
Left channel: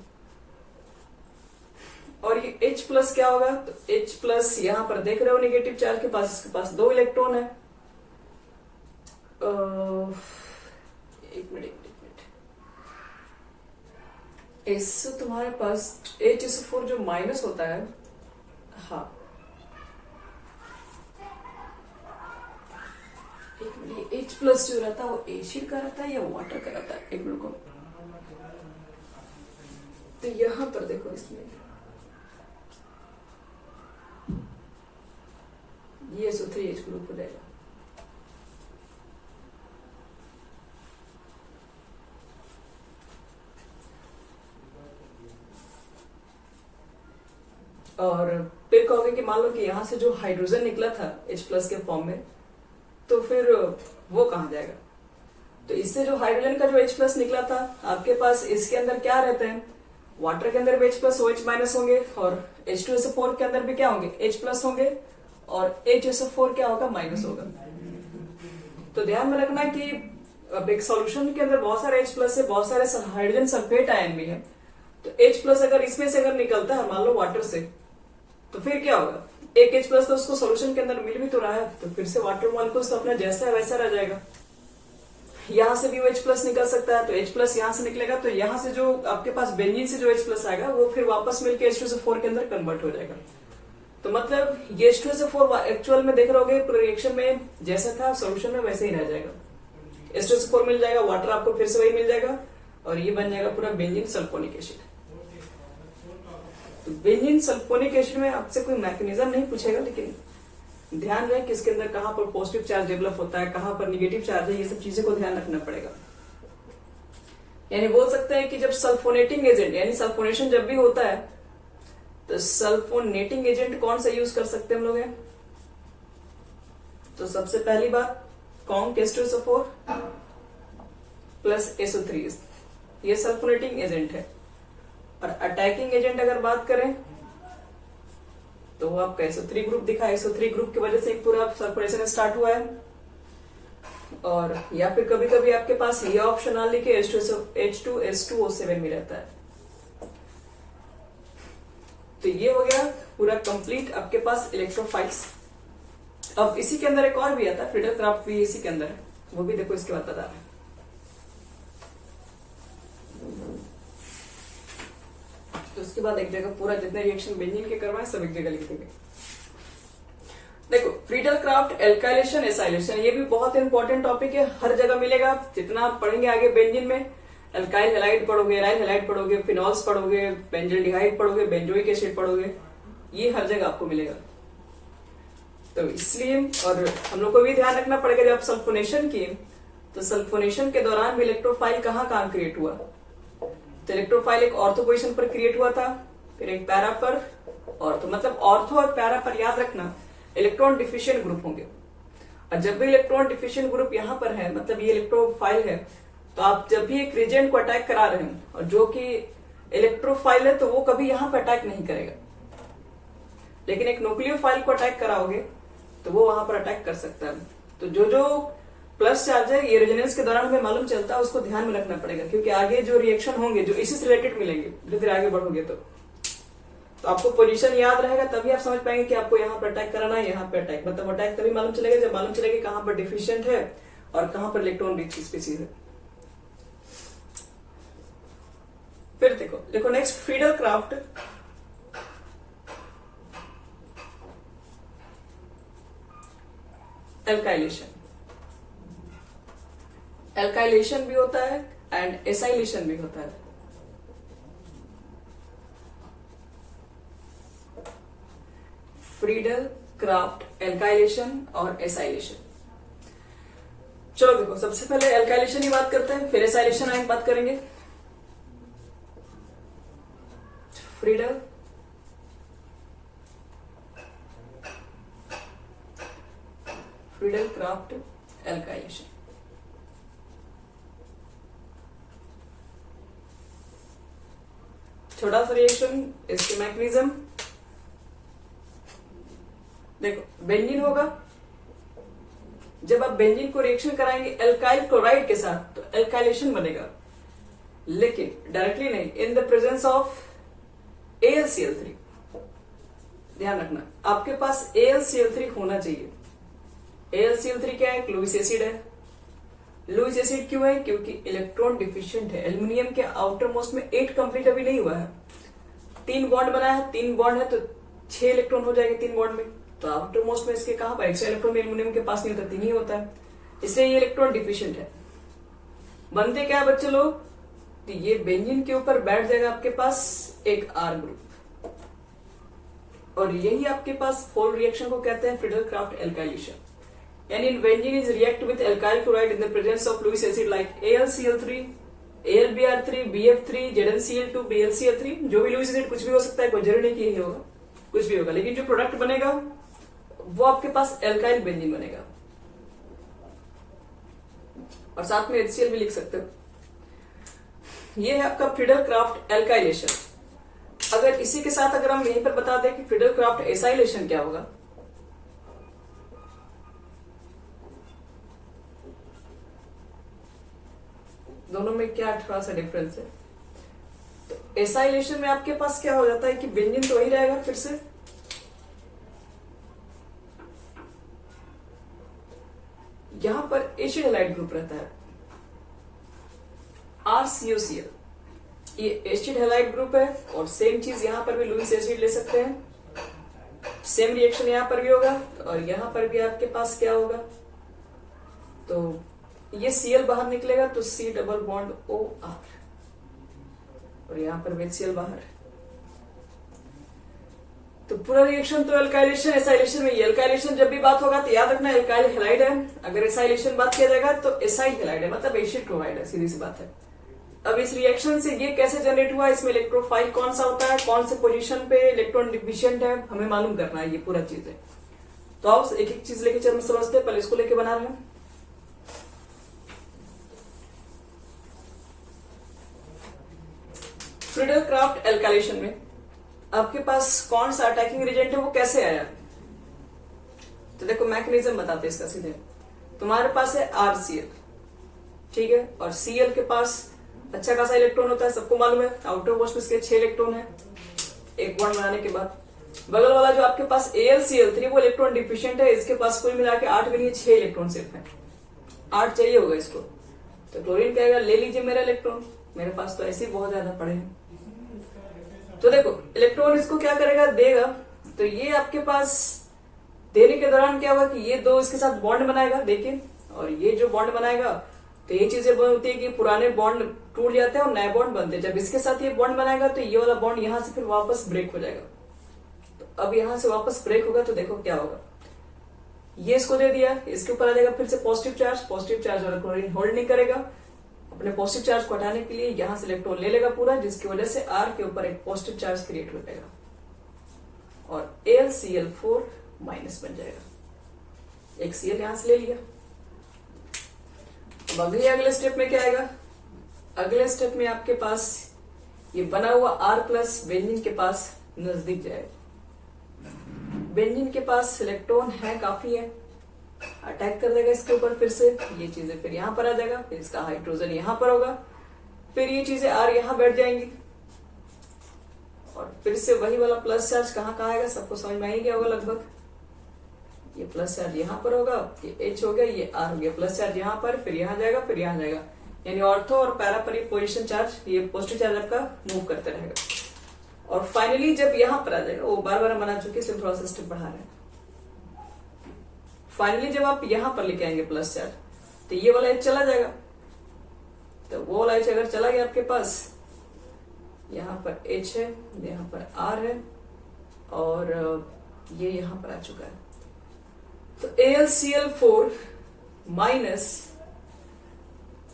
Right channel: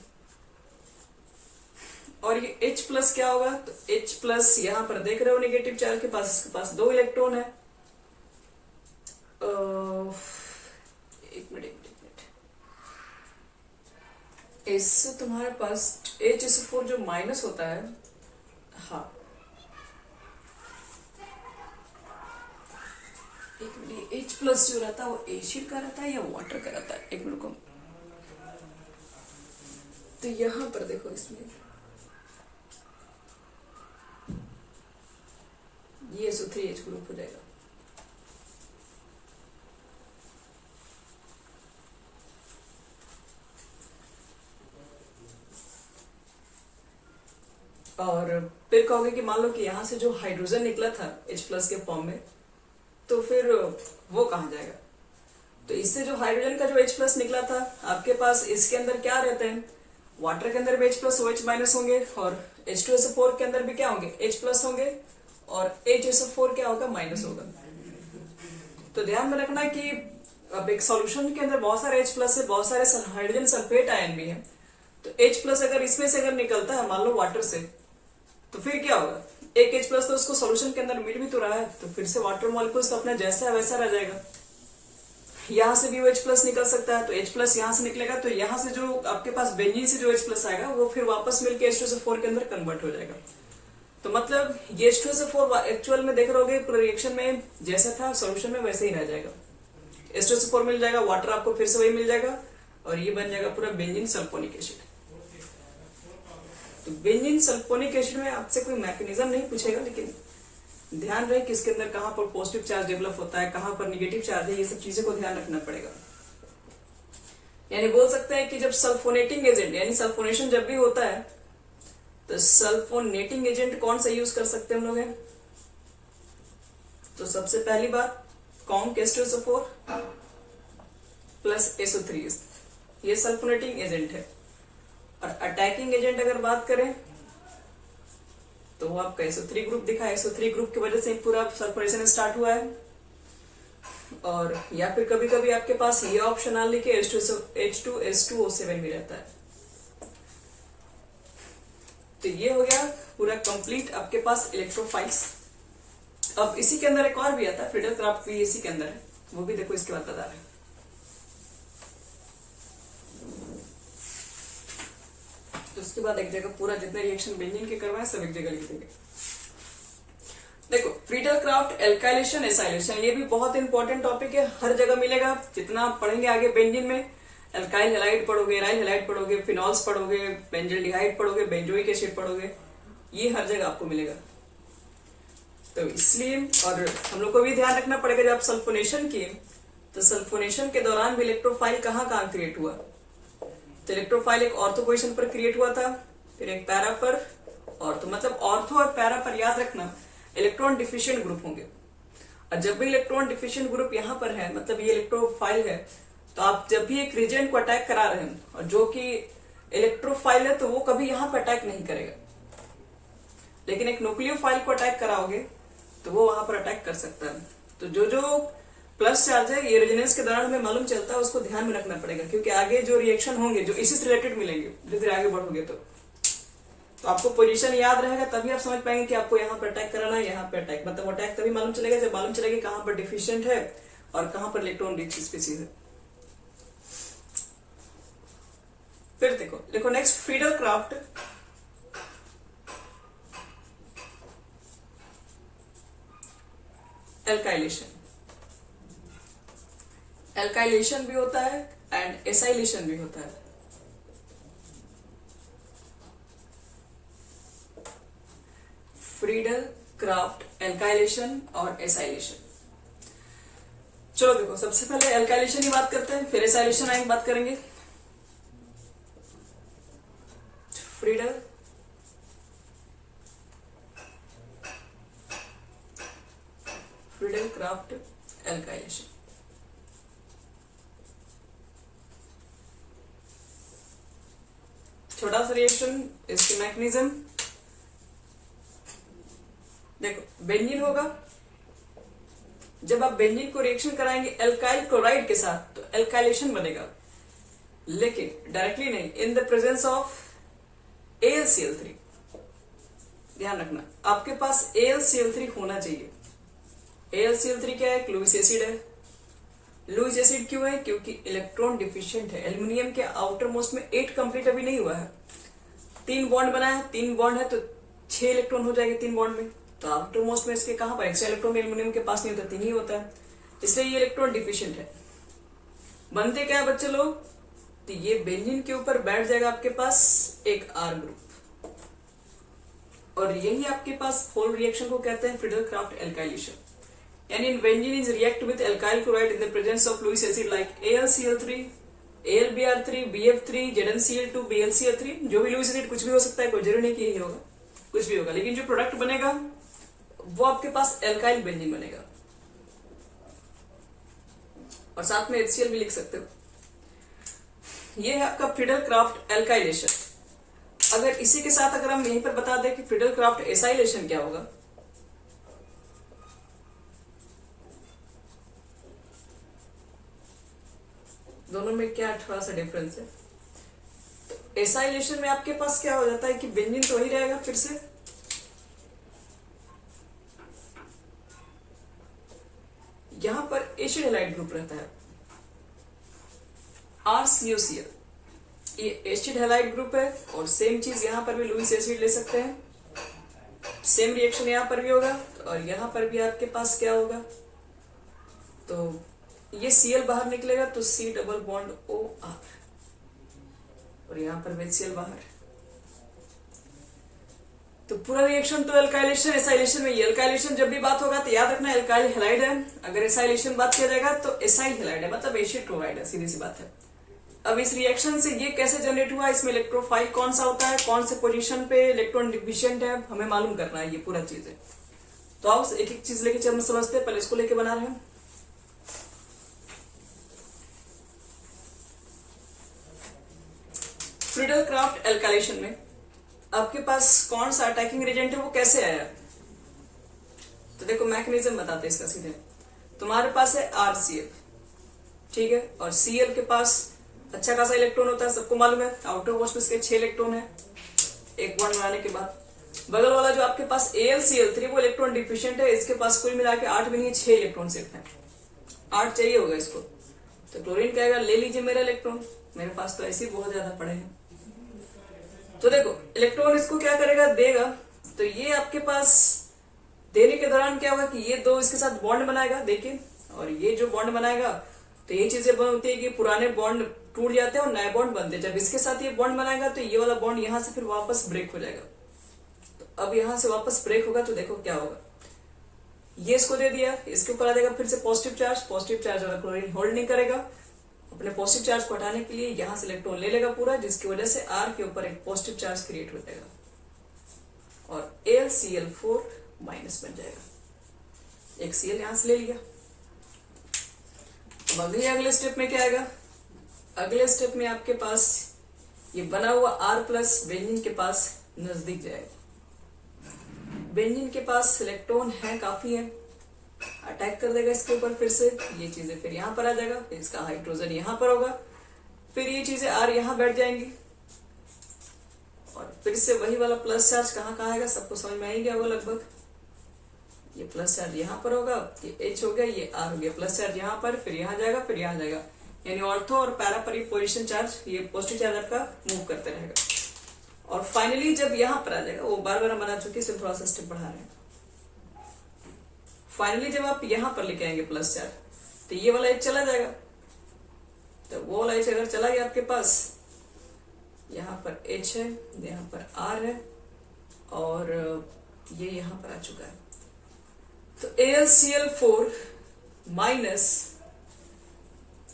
और ये H प्लस क्या होगा, तो H प्लस यहां पर देख रहे हो नेगेटिव चार्ज के पास, इसके पास 2 इलेक्ट्रॉन है। एक मिनट, इससे तुम्हारे पास HSO4 जो माइनस होता है, हाँ एक मिनट, H प्लस जो रहता है वो एसिड का रहता है या वाटर का रहता है? एक मिनट को, तो यहां पर देखो, इसमें ये SO3H ग्रुप हो जाएगा। और फिर कहोगे कि मान लो कि यहां से जो हाइड्रोजन निकला था H प्लस के फॉर्म में, तो फिर वो कहां जाएगा? तो इससे जो हाइड्रोजन का जो H प्लस निकला था, आपके पास इसके अंदर क्या रहते हैं, वाटर के अंदर भी H प्लस OH माइनस होंगे, और H2SO4 के अंदर भी क्या होंगे, H प्लस होंगे, और HSO4 क्या होगा, माइनस होगा। तो ध्यान में रखना कि अब एक सॉल्यूशन के अंदर बहुत सारे H प्लस है, बहुत सारे हाइड्रोजन सल्फेट आयन भी है, तो H प्लस अगर इसमें से अगर निकलता है मान लो वाटर से, तो फिर क्या होगा, एक H प्लस तो उसको सॉल्यूशन के अंदर मिल भी तो रहा है, तो फिर से वाटर मॉलिक्यूल्स अपना जैसा वैसा रह जाएगा। यहां से भी वो H प्लस निकल सकता है, तो H प्लस यहां से निकलेगा, तो यहां से जो आपके पास बेंजीन से जो H प्लस आएगा वो फिर वापस मिलकर H2SO4 के अंदर कन्वर्ट हो जाएगा। तो मतलब ये H2SO4 एक्चुअल में देख रहोगे रिएक्शन में जैसा था सोल्यूशन में वैसे ही रह जाएगा, H2SO4 मिल जाएगा, वाटर आपको फिर से वही मिल जाएगा, और ये बन जाएगा पूरा बेंजीन सल्फोनिक एसिड। तो बेंजीन सल्फोनिक एसिड में आपसे कोई मैकेनिज्म नहीं पूछेगा, लेकिन ध्यान रहे कि इसके अंदर कहां पर पॉजिटिव चार्ज डेवलप होता है, कहां पर निगेटिव चार्ज है, ये सब चीजें को ध्यान रखना पड़ेगा। यानी बोल सकते हैं कि जब सल्फोनेटिंग एजेंट यानी सल्फोनेशन जब भी होता है, तो सल्फोनेटिंग एजेंट कौन सा यूज कर सकते हैं हम लोग हैं? तो सबसे पहली बात कॉन्क H2SO4 प्लस SO3, ये सल्फोनेटिंग एजेंट है। और अटैकिंग एजेंट अगर बात करें तो वो आपका SO3 ग्रुप दिखा, SO3 ग्रुप की वजह से पूरा सल्फोनेशन स्टार्ट हुआ है। और या फिर कभी कभी आपके पास ये ऑप्शन आ लिखे H2S2O7 में रहता है। तो ये हो गया पूरा कंप्लीट आपके पास इलेक्ट्रोफाइल्स। अब इसी के अंदर एक और भी आता है, फ्रीडल क्राफ्ट भी इसी के अंदर है, वो भी देखो इसके बाद बता रहे हैं। तो उसके बाद एक जगह पूरा जितने रिएक्शन बेंजीन के करवाए सब एक जगह लिख देंगे। देखो फ्रीडल क्राफ्ट, एल्काइलेशन, एसाइलेशन, ये भी बहुत इंपॉर्टेंट टॉपिक है, हर जगह मिलेगा। जितना पढ़ेंगे आगे बेंजीन में, एल्काइल हैलाइड पढ़ोगे, एराइल हैलाइड पढ़ोगे, फिनॉल्स पढ़ोगे, बेंजल्डिहाइड पढ़ोगे, बेंजोइक एसिड पढ़ोगे, ये हर जगह आपको मिलेगा। तो इसलिए और हम लोग को भी ध्यान रखना पड़ेगा जब सल्फोनेशन किए, तो सल्फोनेशन के दौरान भी इलेक्ट्रोफाइल कहाँ कहाँ क्रिएट हुआ। तो इलेक्ट्रोफाइल एक ऑर्थो पोजिशन पर क्रिएट हुआ था, फिर एक पैरा पर ऑर्थो, मतलब ऑर्थो और पैरा पर याद रखना इलेक्ट्रॉन डिफिशिएंट ग्रुप होंगे। और जब भी इलेक्ट्रॉन डिफिशिएंट ग्रुप यहाँ पर है, मतलब ये इलेक्ट्रोफाइल है, तो आप जब भी एक रिजेंट को अटैक करा रहे हैं और जो कि इलेक्ट्रोफाइल है, तो वो कभी यहाँ पर अटैक नहीं करेगा। लेकिन एक न्यूक्लियोफाइल को अटैक कराओगे तो वो वहां पर अटैक कर सकता है। तो जो जो प्लस चार्ज है ये रेजोनेंस के दौरान हमें मालूम चलता है, उसको ध्यान में रखना पड़ेगा, क्योंकि आगे जो रिएक्शन होंगे जो इसी से रिलेटेड मिलेंगे, धीरे धीरे आगे बढ़ोगे तो आपको पोजीशन याद रहेगा, तभी आप समझ पाएंगे कि आपको यहाँ पर अटैक कराना है, यहाँ पर अटैक, मतलब अटैक तभी मालूम चलेगा जब मालूम चलेगा कहाँ पर डिफिशिएंट है और कहाँ पर इलेक्ट्रॉन रिच स्पीसीज है। फिर देखो next Friedel craft, alkylation. Alkylation भी होता है एंड एसाइलेशन भी होता है। फ्रीडल क्राफ्ट एल्काइलेशन और एसाइलेशन। चलो देखो, सबसे पहले एल्काइलेशन की बात करते हैं, फिर एसाइलेशन आगे बात करेंगे। Friedel craft alkylation. छोटा सा रिएक्शन, इसके मैकेनिज्म देखो। बेंजीन होगा, जब आप बेंजीन को रिएक्शन कराएंगे एल्काइल क्लोराइड के साथ तो एल्काइलेशन बनेगा, लेकिन डायरेक्टली नहीं, इन द प्रेजेंस ऑफ AlCl3। ध्यान रखना, आपके पास AlCl3 होना चाहिए। AlCl3 क्या है? लुईस एसिड है। लुईस एसिड क्यों है? क्योंकि इलेक्ट्रॉन डिफिशिएंट है। एल्यूमिनियम के आउटर मोस्ट में 8 कंप्लीट अभी नहीं हुआ है, 3 बॉन्ड बना है, 3 बॉन्ड है तो 6 इलेक्ट्रॉन हो जाएंगे 3 बॉन्ड में। तो आउटर मोस्ट में इसके कहां पर एक्स्ट्रा इलेक्ट्रॉन एल्यूमिनियम के पास नहीं होता, 3 ही होता है, इसलिए ये इलेक्ट्रॉन डिफिशिएंट है। बनते क्या है बच्चे लोग? तो ये बेंजीन के ऊपर बैठ जाएगा आपके पास एक R ग्रुप, और यही आपके पास होल रिएक्शन को कहते हैं फ्रीडल क्राफ्ट एल्काइलेशन। यानी benzene is react with alkyl chloride in the presence of Lewis acid like AlCl3, AlBr3, BF3, ZnCl2, BlCl3। जो भी लुईस एसिड कुछ भी हो सकता है, कोई जरूरी नहीं कि यही होगा, कुछ भी होगा, लेकिन जो प्रोडक्ट बनेगा वो आपके पास एल्काइल बेंजीन बनेगा। और साथ में HCl भी लिख सकते हो। ये है आपका फ्रीडल क्राफ्ट एल्काइलेशन। अगर इसी के साथ अगर हम यहीं पर बता दें कि फ्रीडल क्राफ्ट एसाइलेशन क्या होगा, दोनों में क्या थोड़ा सा डिफरेंस है। तो एसाइलेशन में आपके पास क्या हो जाता है कि बेंजीन तो वही रहेगा, फिर से यहां पर एसिड हैलाइड ग्रुप रहता है RCOCl, ये एसिड हैलाइड ग्रुप है। और सेम चीज यहां पर भी लुईस एसिड ले सकते हैं, सेम रिएक्शन यहां पर भी होगा, और यहां पर भी आपके पास क्या होगा, तो ये Cl बाहर निकलेगा तो C डबल बॉन्ड OR, और यहां पर HCl बाहर। तो पूरा रिएक्शन तो एल्काइलेशन एसाइलेशन में। एल्काइलेशन जब भी बात होगा तो याद रखना एल्काइल हैलाइड है, अगर एसाइलेशन बात किया जाएगा तो एसाइल हैलाइड है, मतलब एसिड क्लोराइड है, सीधी सी बात है। अब इस रिएक्शन से ये कैसे जनरेट हुआ, इसमें इलेक्ट्रोफाइल कौन सा होता है, कौन से पोजीशन पे इलेक्ट्रॉन डिफिशिएंट है, हमें मालूम करना है, ये पूरा चीज है। तो आओ एक एक चीज लेके चल समझते हैं। पहले इसको लेके बना रहे हैं। फ्रीडल क्राफ्ट एल्काइलेशन में आपके पास कौन सा अटैकिंग रिएजेंट है, वो कैसे आया? तो देखो मैकेनिज्म बताते हैं इसका सीधे। तुम्हारे पास है RCl, ठीक है, और Cl के पास अच्छा खासा इलेक्ट्रॉन होता है, सबको मालूम है। आउटर मोस्ट में इसके 6 इलेक्ट्रॉन है एक बॉन्ड बनाने के बाद। बगल वाला जो आपके पास AlCl3 वो इलेक्ट्रॉन डिफिशिएंट है, इसके पास कुल मिला के 8 भी नहीं, 6 इलेक्ट्रॉन सिर्फ है, 8 चाहिए होगा इसको। तो क्लोरीन कहेगा ले लीजिए मेरा इलेक्ट्रॉन, मेरे पास तो ऐसे ही बहुत ज्यादा पड़े हैं। तो देखो इलेक्ट्रॉन इसको क्या करेगा, देगा। तो ये आपके पास देने के दौरान क्या होगा कि ये दो इसके साथ बॉन्ड बनाएगा, देखिए, और ये जो बॉन्ड बनाएगा तो ये चीजें बनती है कि पुराने बॉन्ड टूट जाते हैं और नए बॉन्ड बनते हैं। जब इसके साथ ये बॉन्ड बनाएगा तो ये वाला बॉन्ड यहां से फिर वापस ब्रेक हो जाएगा। तो अब यहां से वापस ब्रेक होगा तो देखो क्या होगा, ये इसको दे दिया, इसके ऊपर आ जाएगा फिर से पॉजिटिव चार्ज वाला क्लोरीन होल्ड नहीं करेगा, अपने पॉजिटिव चार्ज को हटाने के लिए यहां से इलेक्ट्रॉन ले लेगा पूरा, जिसकी वजह से R के ऊपर एक पॉजिटिव चार्ज क्रिएट हो जाएगा और AlCl4 माइनस बन जाएगा। एक Cl यहां से ले लिया। अगले स्टेप में क्या आएगा, अगले स्टेप में आपके पास ये बना हुआ R प्लस बेंजीन के पास नजदीक जाएगा। बेंजीन के पास इलेक्ट्रॉन है, काफी है, अटैक कर देगा इसके ऊपर, फिर से ये चीजें फिर यहां पर आ जाएगा, फिर इसका हाइड्रोजन यहां पर होगा, फिर ये चीजें R यहां बैठ जाएंगी और फिर से वही वाला प्लस चार्ज कहां आएगा, सबको समझ में आ ही गया होगा लगभग। ये प्लस चार्ज यहां पर होगा, ये H हो गया, ये R हो गया, प्लस चार्ज यहां पर, फिर यहां जाएगा, फिर यहां जाएगा, यानी ऑर्थो और पैरा पर ये पोजिशन चार्ज, ये पॉजिटिव चार्ज आपका मूव करते रहेगा और फाइनली जब यहां पर आ जाएगा, वो बार बार बना चुके, सिर्फ थोड़ा सा स्टेप बढ़ा रहे हैं। फाइनली जब आप यहां पर लेके आएंगे प्लस चार्ज, तो ये वाला H चला जाएगा, तो वो वाला H अगर चला गया आपके पास, यहाँ पर H है, यहाँ पर R है और ये यहां पर आ चुका है। तो AlCl4 माइनस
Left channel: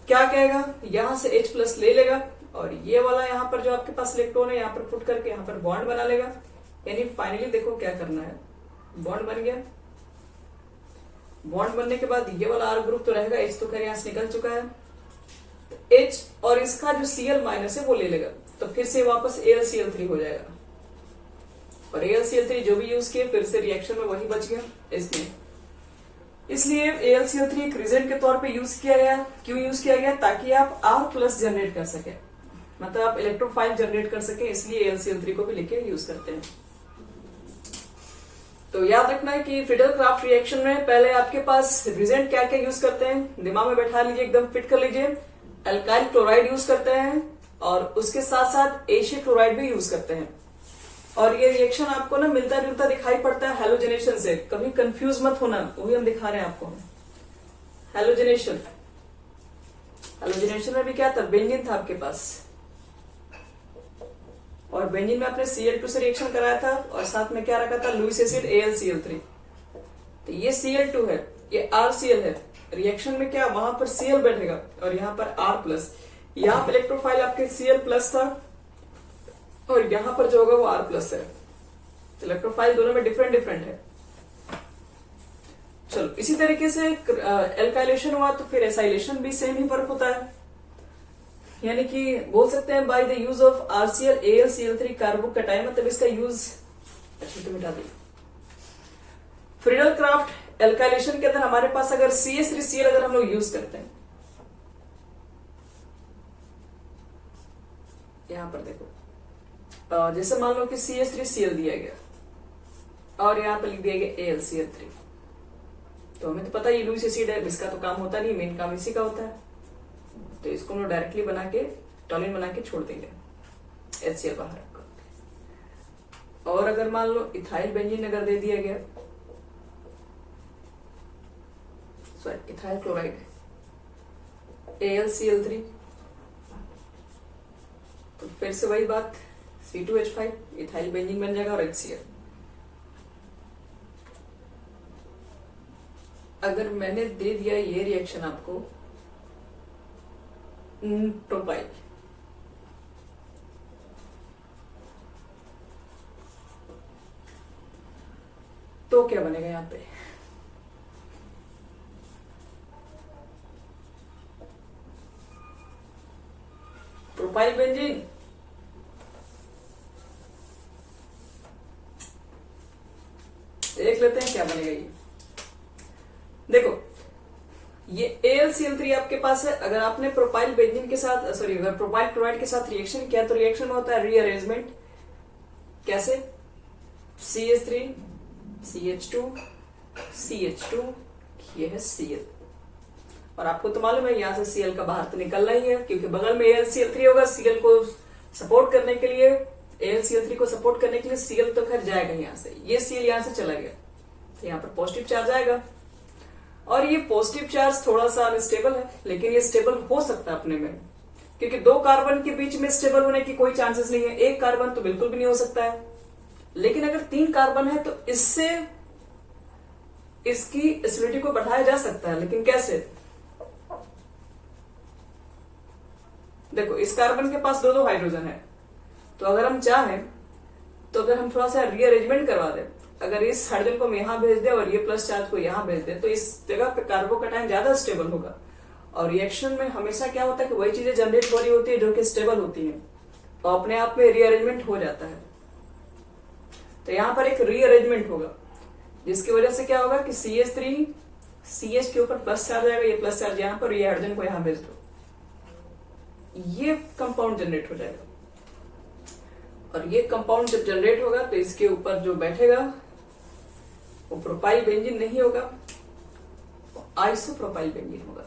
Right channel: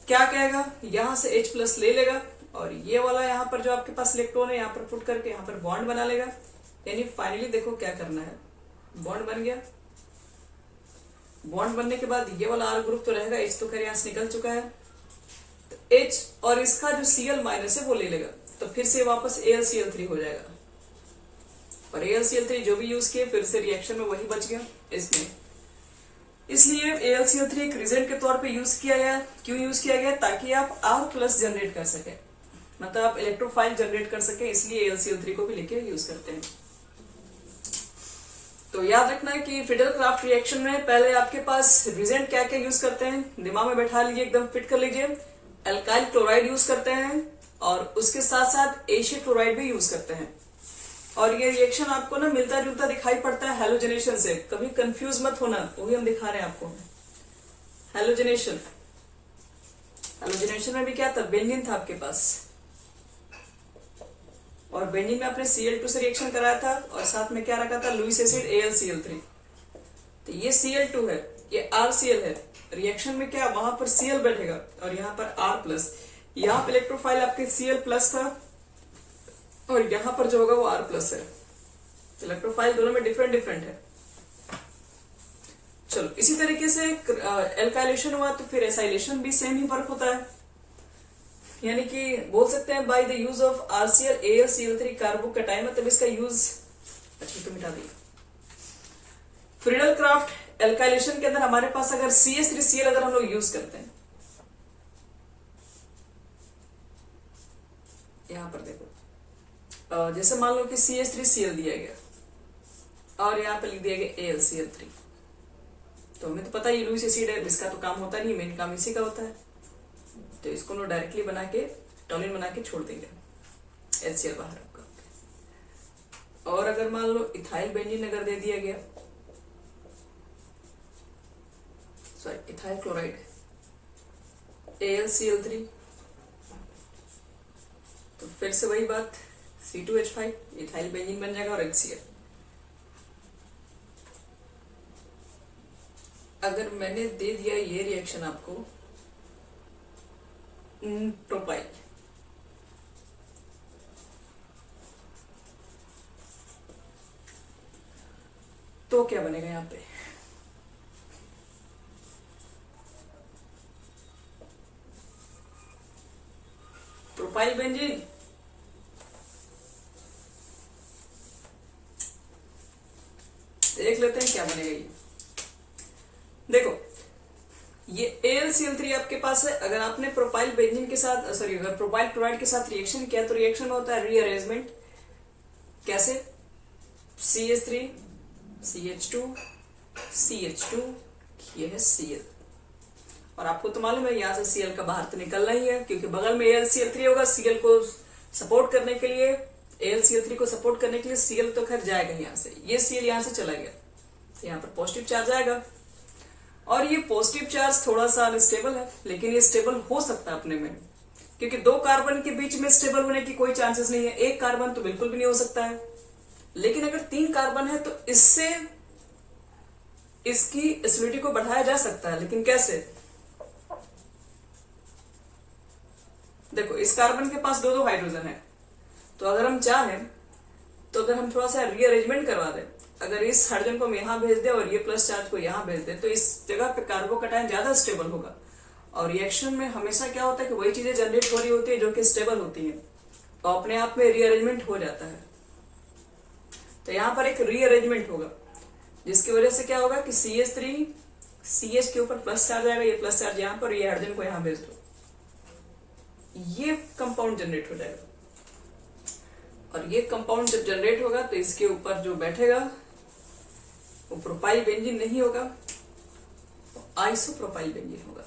क्या कहेगा, यहां से H प्लस ले लेगा और ये वाला यहां पर जो आपके पास इलेक्ट्रॉन है यहां पर पुट करके यहां पर बॉन्ड बना लेगा। यानी फाइनली देखो क्या करना है, बॉन्ड बन गया। बॉन्ड बनने के बाद ये वाला R ग्रुप तो रहेगा, H तो खैर यहां से निकल चुका है। तो H और इसका जो Cl माइनस है वो ले लेगा, तो फिर से वापस AlCl3 हो जाएगा। और AlCl3 जो भी यूज किए फिर से रिएक्शन में वही बच गया इसमें। इसलिए AlCl3 एक रिजेंट के तौर पे यूज किया गया। क्यों यूज किया गया? ताकि आप R प्लस जनरेट कर सके, मतलब आप इलेक्ट्रोफाइल जनरेट कर सके, इसलिए AlCl3 को भी लेके यूज करते हैं। तो याद रखना है कि फ्रीडल क्राफ्ट रिएक्शन में पहले आपके पास रिजेंट क्या क्या यूज करते हैं, दिमाग में बैठा लीजिए, एकदम फिट कर लीजिए। एल्काइल क्लोराइड यूज करते हैं और उसके साथ साथ एशियल क्लोराइड भी यूज करते हैं। और ये रिएक्शन आपको ना मिलता जुलता दिखाई पड़ता है हैलोजेनेशन से, कभी कंफ्यूज मत होना, वही हम दिखा रहे हैं आपको। हैलोजेनेशन, हैलोजेनेशन में भी क्या था, बेंजीन था आपके पास, और बेंजीन में आपने Cl2 से रिएक्शन कराया था और साथ में क्या रखा था, लुईस एसिड AlCl3। तो ये Cl2 है, ये RCl है। रिएक्शन में क्या, वहां पर Cl बैठेगा और यहाँ पर R प्लस। यहाँ पर इलेक्ट्रोफाइल आपके Cl प्लस था और यहाँ पर जो होगा वो R प्लस है। इलेक्ट्रोफाइल दोनों में डिफरेंट डिफरेंट है। चलो, इसी तरीके से एल्काइलेशन हुआ तो फिर एसाइलेशन भी सेम ही फर्क होता है। यानी कि बोल सकते हैं by the use of RCl AlCl3 carbocation, मतलब इसका यूज, अच्छा तो मिटा दी। फ्रीडल क्राफ्ट एल्काइलेशन के अंदर हमारे पास अगर CH3Cl अगर हम लोग यूज करते हैं, यहां पर देखो, जैसे मान लो कि CH3Cl दिया गया और यहाँ पे लिख दिया गया AlCl3, तो हमें तो पता ही लुईस एसिड है, इसका तो काम होता नहीं, मेन काम इसी का होता है। तो इसको हम डायरेक्टली बना के टॉलिन बना के छोड़ देंगे, HCl बाहर रखकर। और अगर मान लो इथाइल बेंजीन अगर दे दिया गया, सॉरी इथाइल क्लोराइड AlCl3, तो फिर से वही बात, C2H5 इथाइल बेंजीन बन जाएगा और HCl। अगर मैंने दे दिया ये रिएक्शन आपको प्रोपाइल, तो क्या बनेगा यहां पे, प्रोपाइल बेंजीन, देख लेते हैं क्या बनेगा ये। देखो, ये AlCl3 आपके पास है। अगर आपने प्रोपाइल बेंजीन के साथ, सॉरी अगर प्रोपाइल क्लोराइड के साथ रिएक्शन किया तो रिएक्शन में होता है रीअरेंजमेंट। कैसे, CH3 CH2 CH2, ये है Cl, और आपको तो मालूम है यहां से Cl का बाहर तो निकलना ही है, क्योंकि बगल में AlCl3 होगा। Cl को सपोर्ट करने के लिए, AlCl3 को सपोर्ट करने के लिए Cl तो खैर जाएगा यहां से, ये Cl यहां से चला गया, तो यहां पर पॉजिटिव चार्ज आएगा। और ये पॉजिटिव चार्ज थोड़ा सा अनस्टेबल है, लेकिन ये स्टेबल हो सकता है अपने में, क्योंकि दो कार्बन के बीच में स्टेबल होने की कोई चांसेस नहीं है। एक कार्बन तो बिल्कुल भी नहीं हो सकता है, लेकिन अगर 3 कार्बन है तो इससे इसकी एसिडिटी को बढ़ाया जा सकता है। लेकिन कैसे, देखो इस कार्बन के पास 2 हाइड्रोजन है, तो अगर हम चाहें तो अगर हम थोड़ा सा रीअरेंजमेंट करवा दें, अगर इस हाइड्रोजन को हम यहां भेज दें और ये प्लस चार्ज को यहां भेज दें, तो इस जगह पे कार्बोकैटायन ज्यादा स्टेबल होगा। और रिएक्शन में हमेशा क्या होता है कि वही चीजें जनरेट हो रही होती है जो कि स्टेबल होती है, तो अपने आप में रीअरेंजमेंट हो जाता है। तो यहां पर एक रीअरेंजमेंट होगा, जिसकी वजह से क्या होगा कि CH3 CH के ऊपर प्लस चार्ज आएगा, ये प्लस चार्ज यहां पर, ये हाइड्रोजन को यहां भेज दो, ये कंपाउंड जनरेट हो जाएगा। और ये कंपाउंड जब जनरेट होगा तो इसके ऊपर जो बैठेगा वो प्रोपाइल बेंजीन नहीं होगा, वो आइसोप्रोपाइल बेंजीन होगा।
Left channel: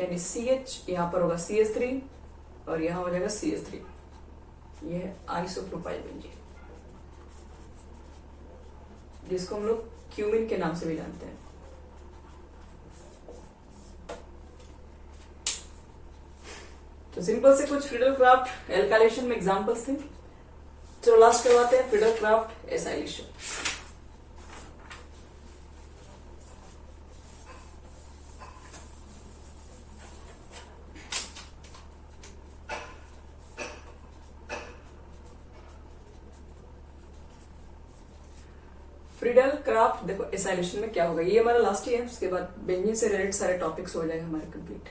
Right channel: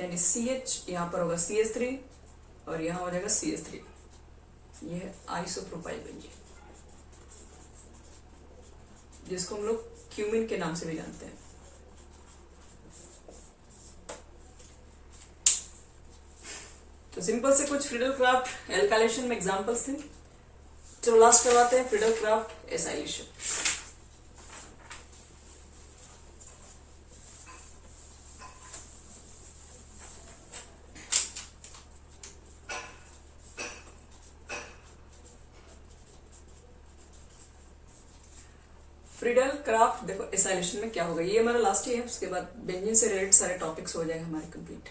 यानी CH यहां पर होगा CH3 और यहां हो जाएगा CH3, ये है आइसोप्रोपाइल बेंजीन, जिसको हम लोग क्यूमिन के नाम से भी जानते हैं। तो सिंपल से कुछ फ्रीडल क्राफ्ट एल्काइलेशन में एग्जांपल्स थे। चलो लास्ट करवाते हैं Friedel Crafts acylation. Friedel craft देखो एसाइलेशन में क्या होगा, ये हमारा लास्ट ही है, उसके बाद बेंजीन से रिलेटेड सारे टॉपिक्स हो जाएंगे हमारे कंप्लीट।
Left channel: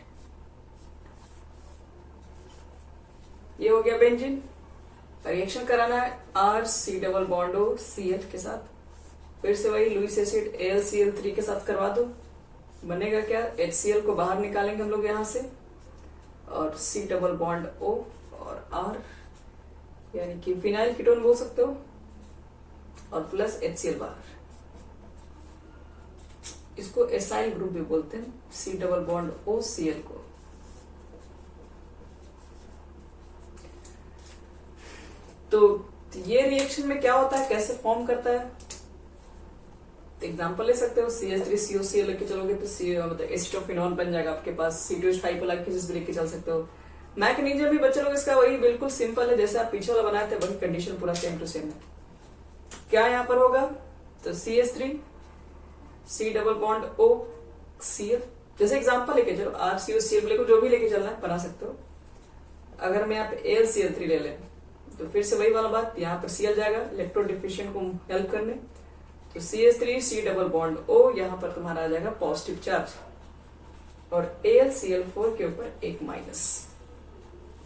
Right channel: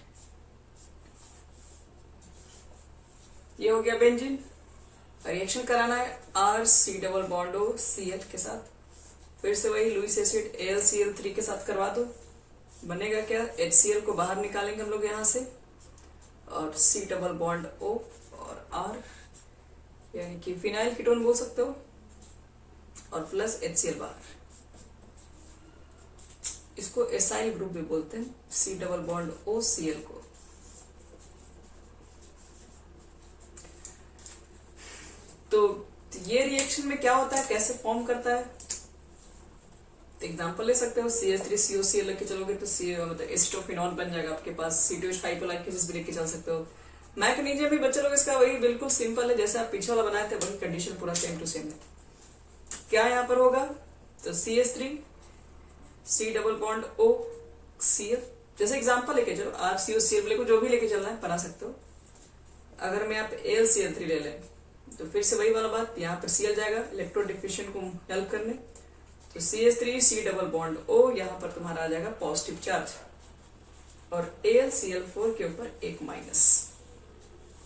ये हो गया बेंजीन। रिएक्शन कराना है RC≡CL के साथ, फिर से वही लुईस एसिड AlCl3 के साथ करवा दो। बनेगा क्या, HCl को बाहर निकालेंगे हम लोग यहां से, और C≡O और R यानी कि फिनाइल कीटोन बोल सकते हो, और प्लस HCl बाहर। इसको एसाइल ग्रुप भी बोलते हैं, C≡OCl को। तो ये रिएक्शन में क्या होता है, कैसे फॉर्म करता है, एग्जांपल ले सकते हो। CH3COCl लेके चलोगे तो मतलब एसिटोफिनॉल बन जाएगा आपके पास। C2H5 भी लेके चल सकते हो। मैग्नीशियम भी बच्चे लोग इसका वही बिल्कुल सिंपल है, जैसे आप पीछे वाला बनाए थे वही कंडीशन पूरा सेम टू सेम है। क्या यहाँ पर होगा, तो CH3 C≡OCl, जैसे एग्जांपल लेके चलो, RCOCl को जो भी लेके चलना है बना सकते हो। अगर मैं यहाँ पे AlCl3 ले लें तो फिर से वही वाला बात, यहाँ पर Cl जाएगा इलेक्ट्रोड डिफिशिएंट को हेल्प करने, तो CH3 C≡O, यहाँ पर तुम्हारा आ जाएगा पॉजिटिव चार्ज, और AlCl4 के ऊपर एक माइनस,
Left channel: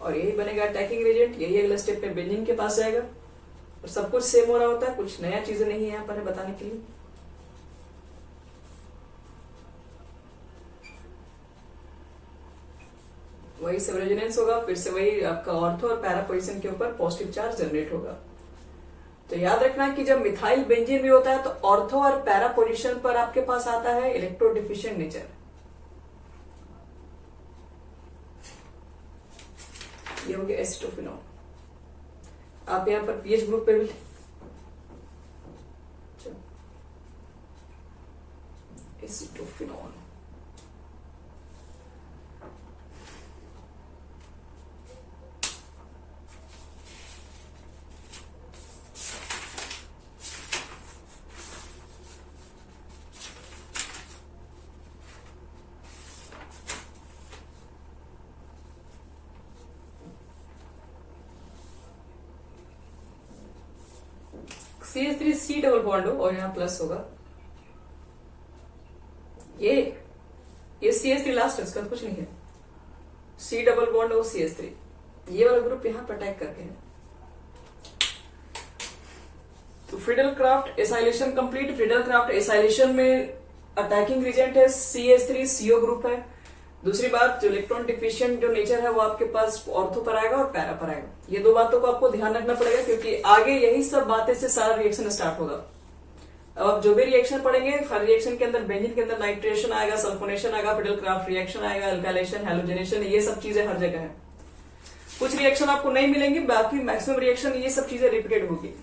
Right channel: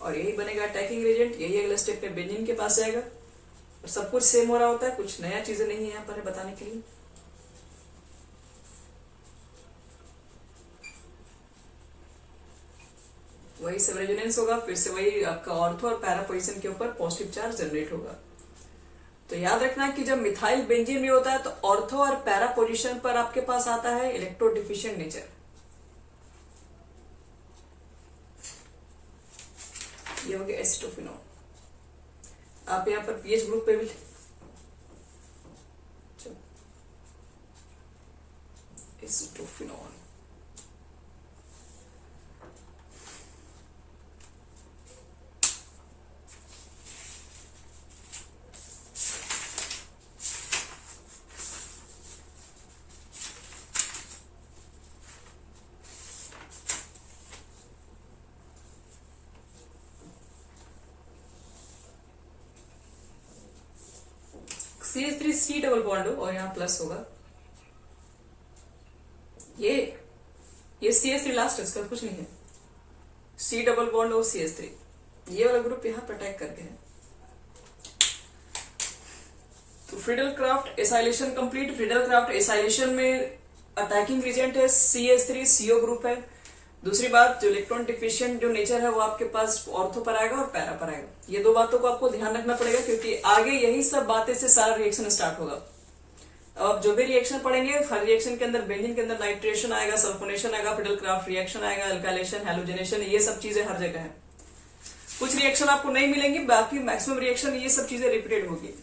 और यही बनेगा अटैकिंग एजेंट। यही अगले स्टेप में बेंजीन के पास जाएगा, और सब कुछ सेम हो रहा होता है, कुछ नया चीजें नहीं है यहाँ पर बताने के लिए। वही सब रेजोनेंस होगा, फिर से वही आपका ऑर्थो और पैरा पोजीशन के ऊपर पॉजिटिव चार्ज जनरेट होगा। तो याद रखना कि जब मिथाइल बेंजीन भी होता है तो ऑर्थो और पैरा पोजीशन पर आपके पास आता है इलेक्ट्रो डिफिशिएंट नेचर। ये हो गया एसिटोफिनॉल। आप यहाँ पर पीएच ग्रुप पे भी एसिटोफिनॉल, CH3 C≡O और यहाँ प्लस होगा। ये CH3 लास्ट है, इसका कुछ नहीं है। C≡O CH3, ये वाला ग्रुप यहाँ पर अटैक करके है। तो Friedel Crafts acylation complete. Friedel Crafts acylation में अटैकिंग रिजेंट है CH3CO ग्रुप है। दूसरी बात, जो इलेक्ट्रॉन डिफिशिएंट जो नेचर है वो आपके पास ऑर्थो पर आएगा और पैरा पर आएगा। ये दो बातों को आपको ध्यान रखना पड़ेगा, क्योंकि आगे यही सब बातें से सारा रिएक्शन स्टार्ट होगा। अब आप जो भी रिएक्शन पढ़ेंगे, हर रिएक्शन के अंदर बेंजीन के अंदर नाइट्रेशन आएगा, सल्फोनेशन आएगा, फ्रीडल क्राफ्ट रिएक्शन आएगा, अल्काइलेशन, हैलोजनेशन, ये सब चीजें हर जगह है। कुछ रिएक्शन आपको नहीं मिलेंगी, बाकी मैक्सिमम रिएक्शन ये सब चीजें रिपीटेड होगी।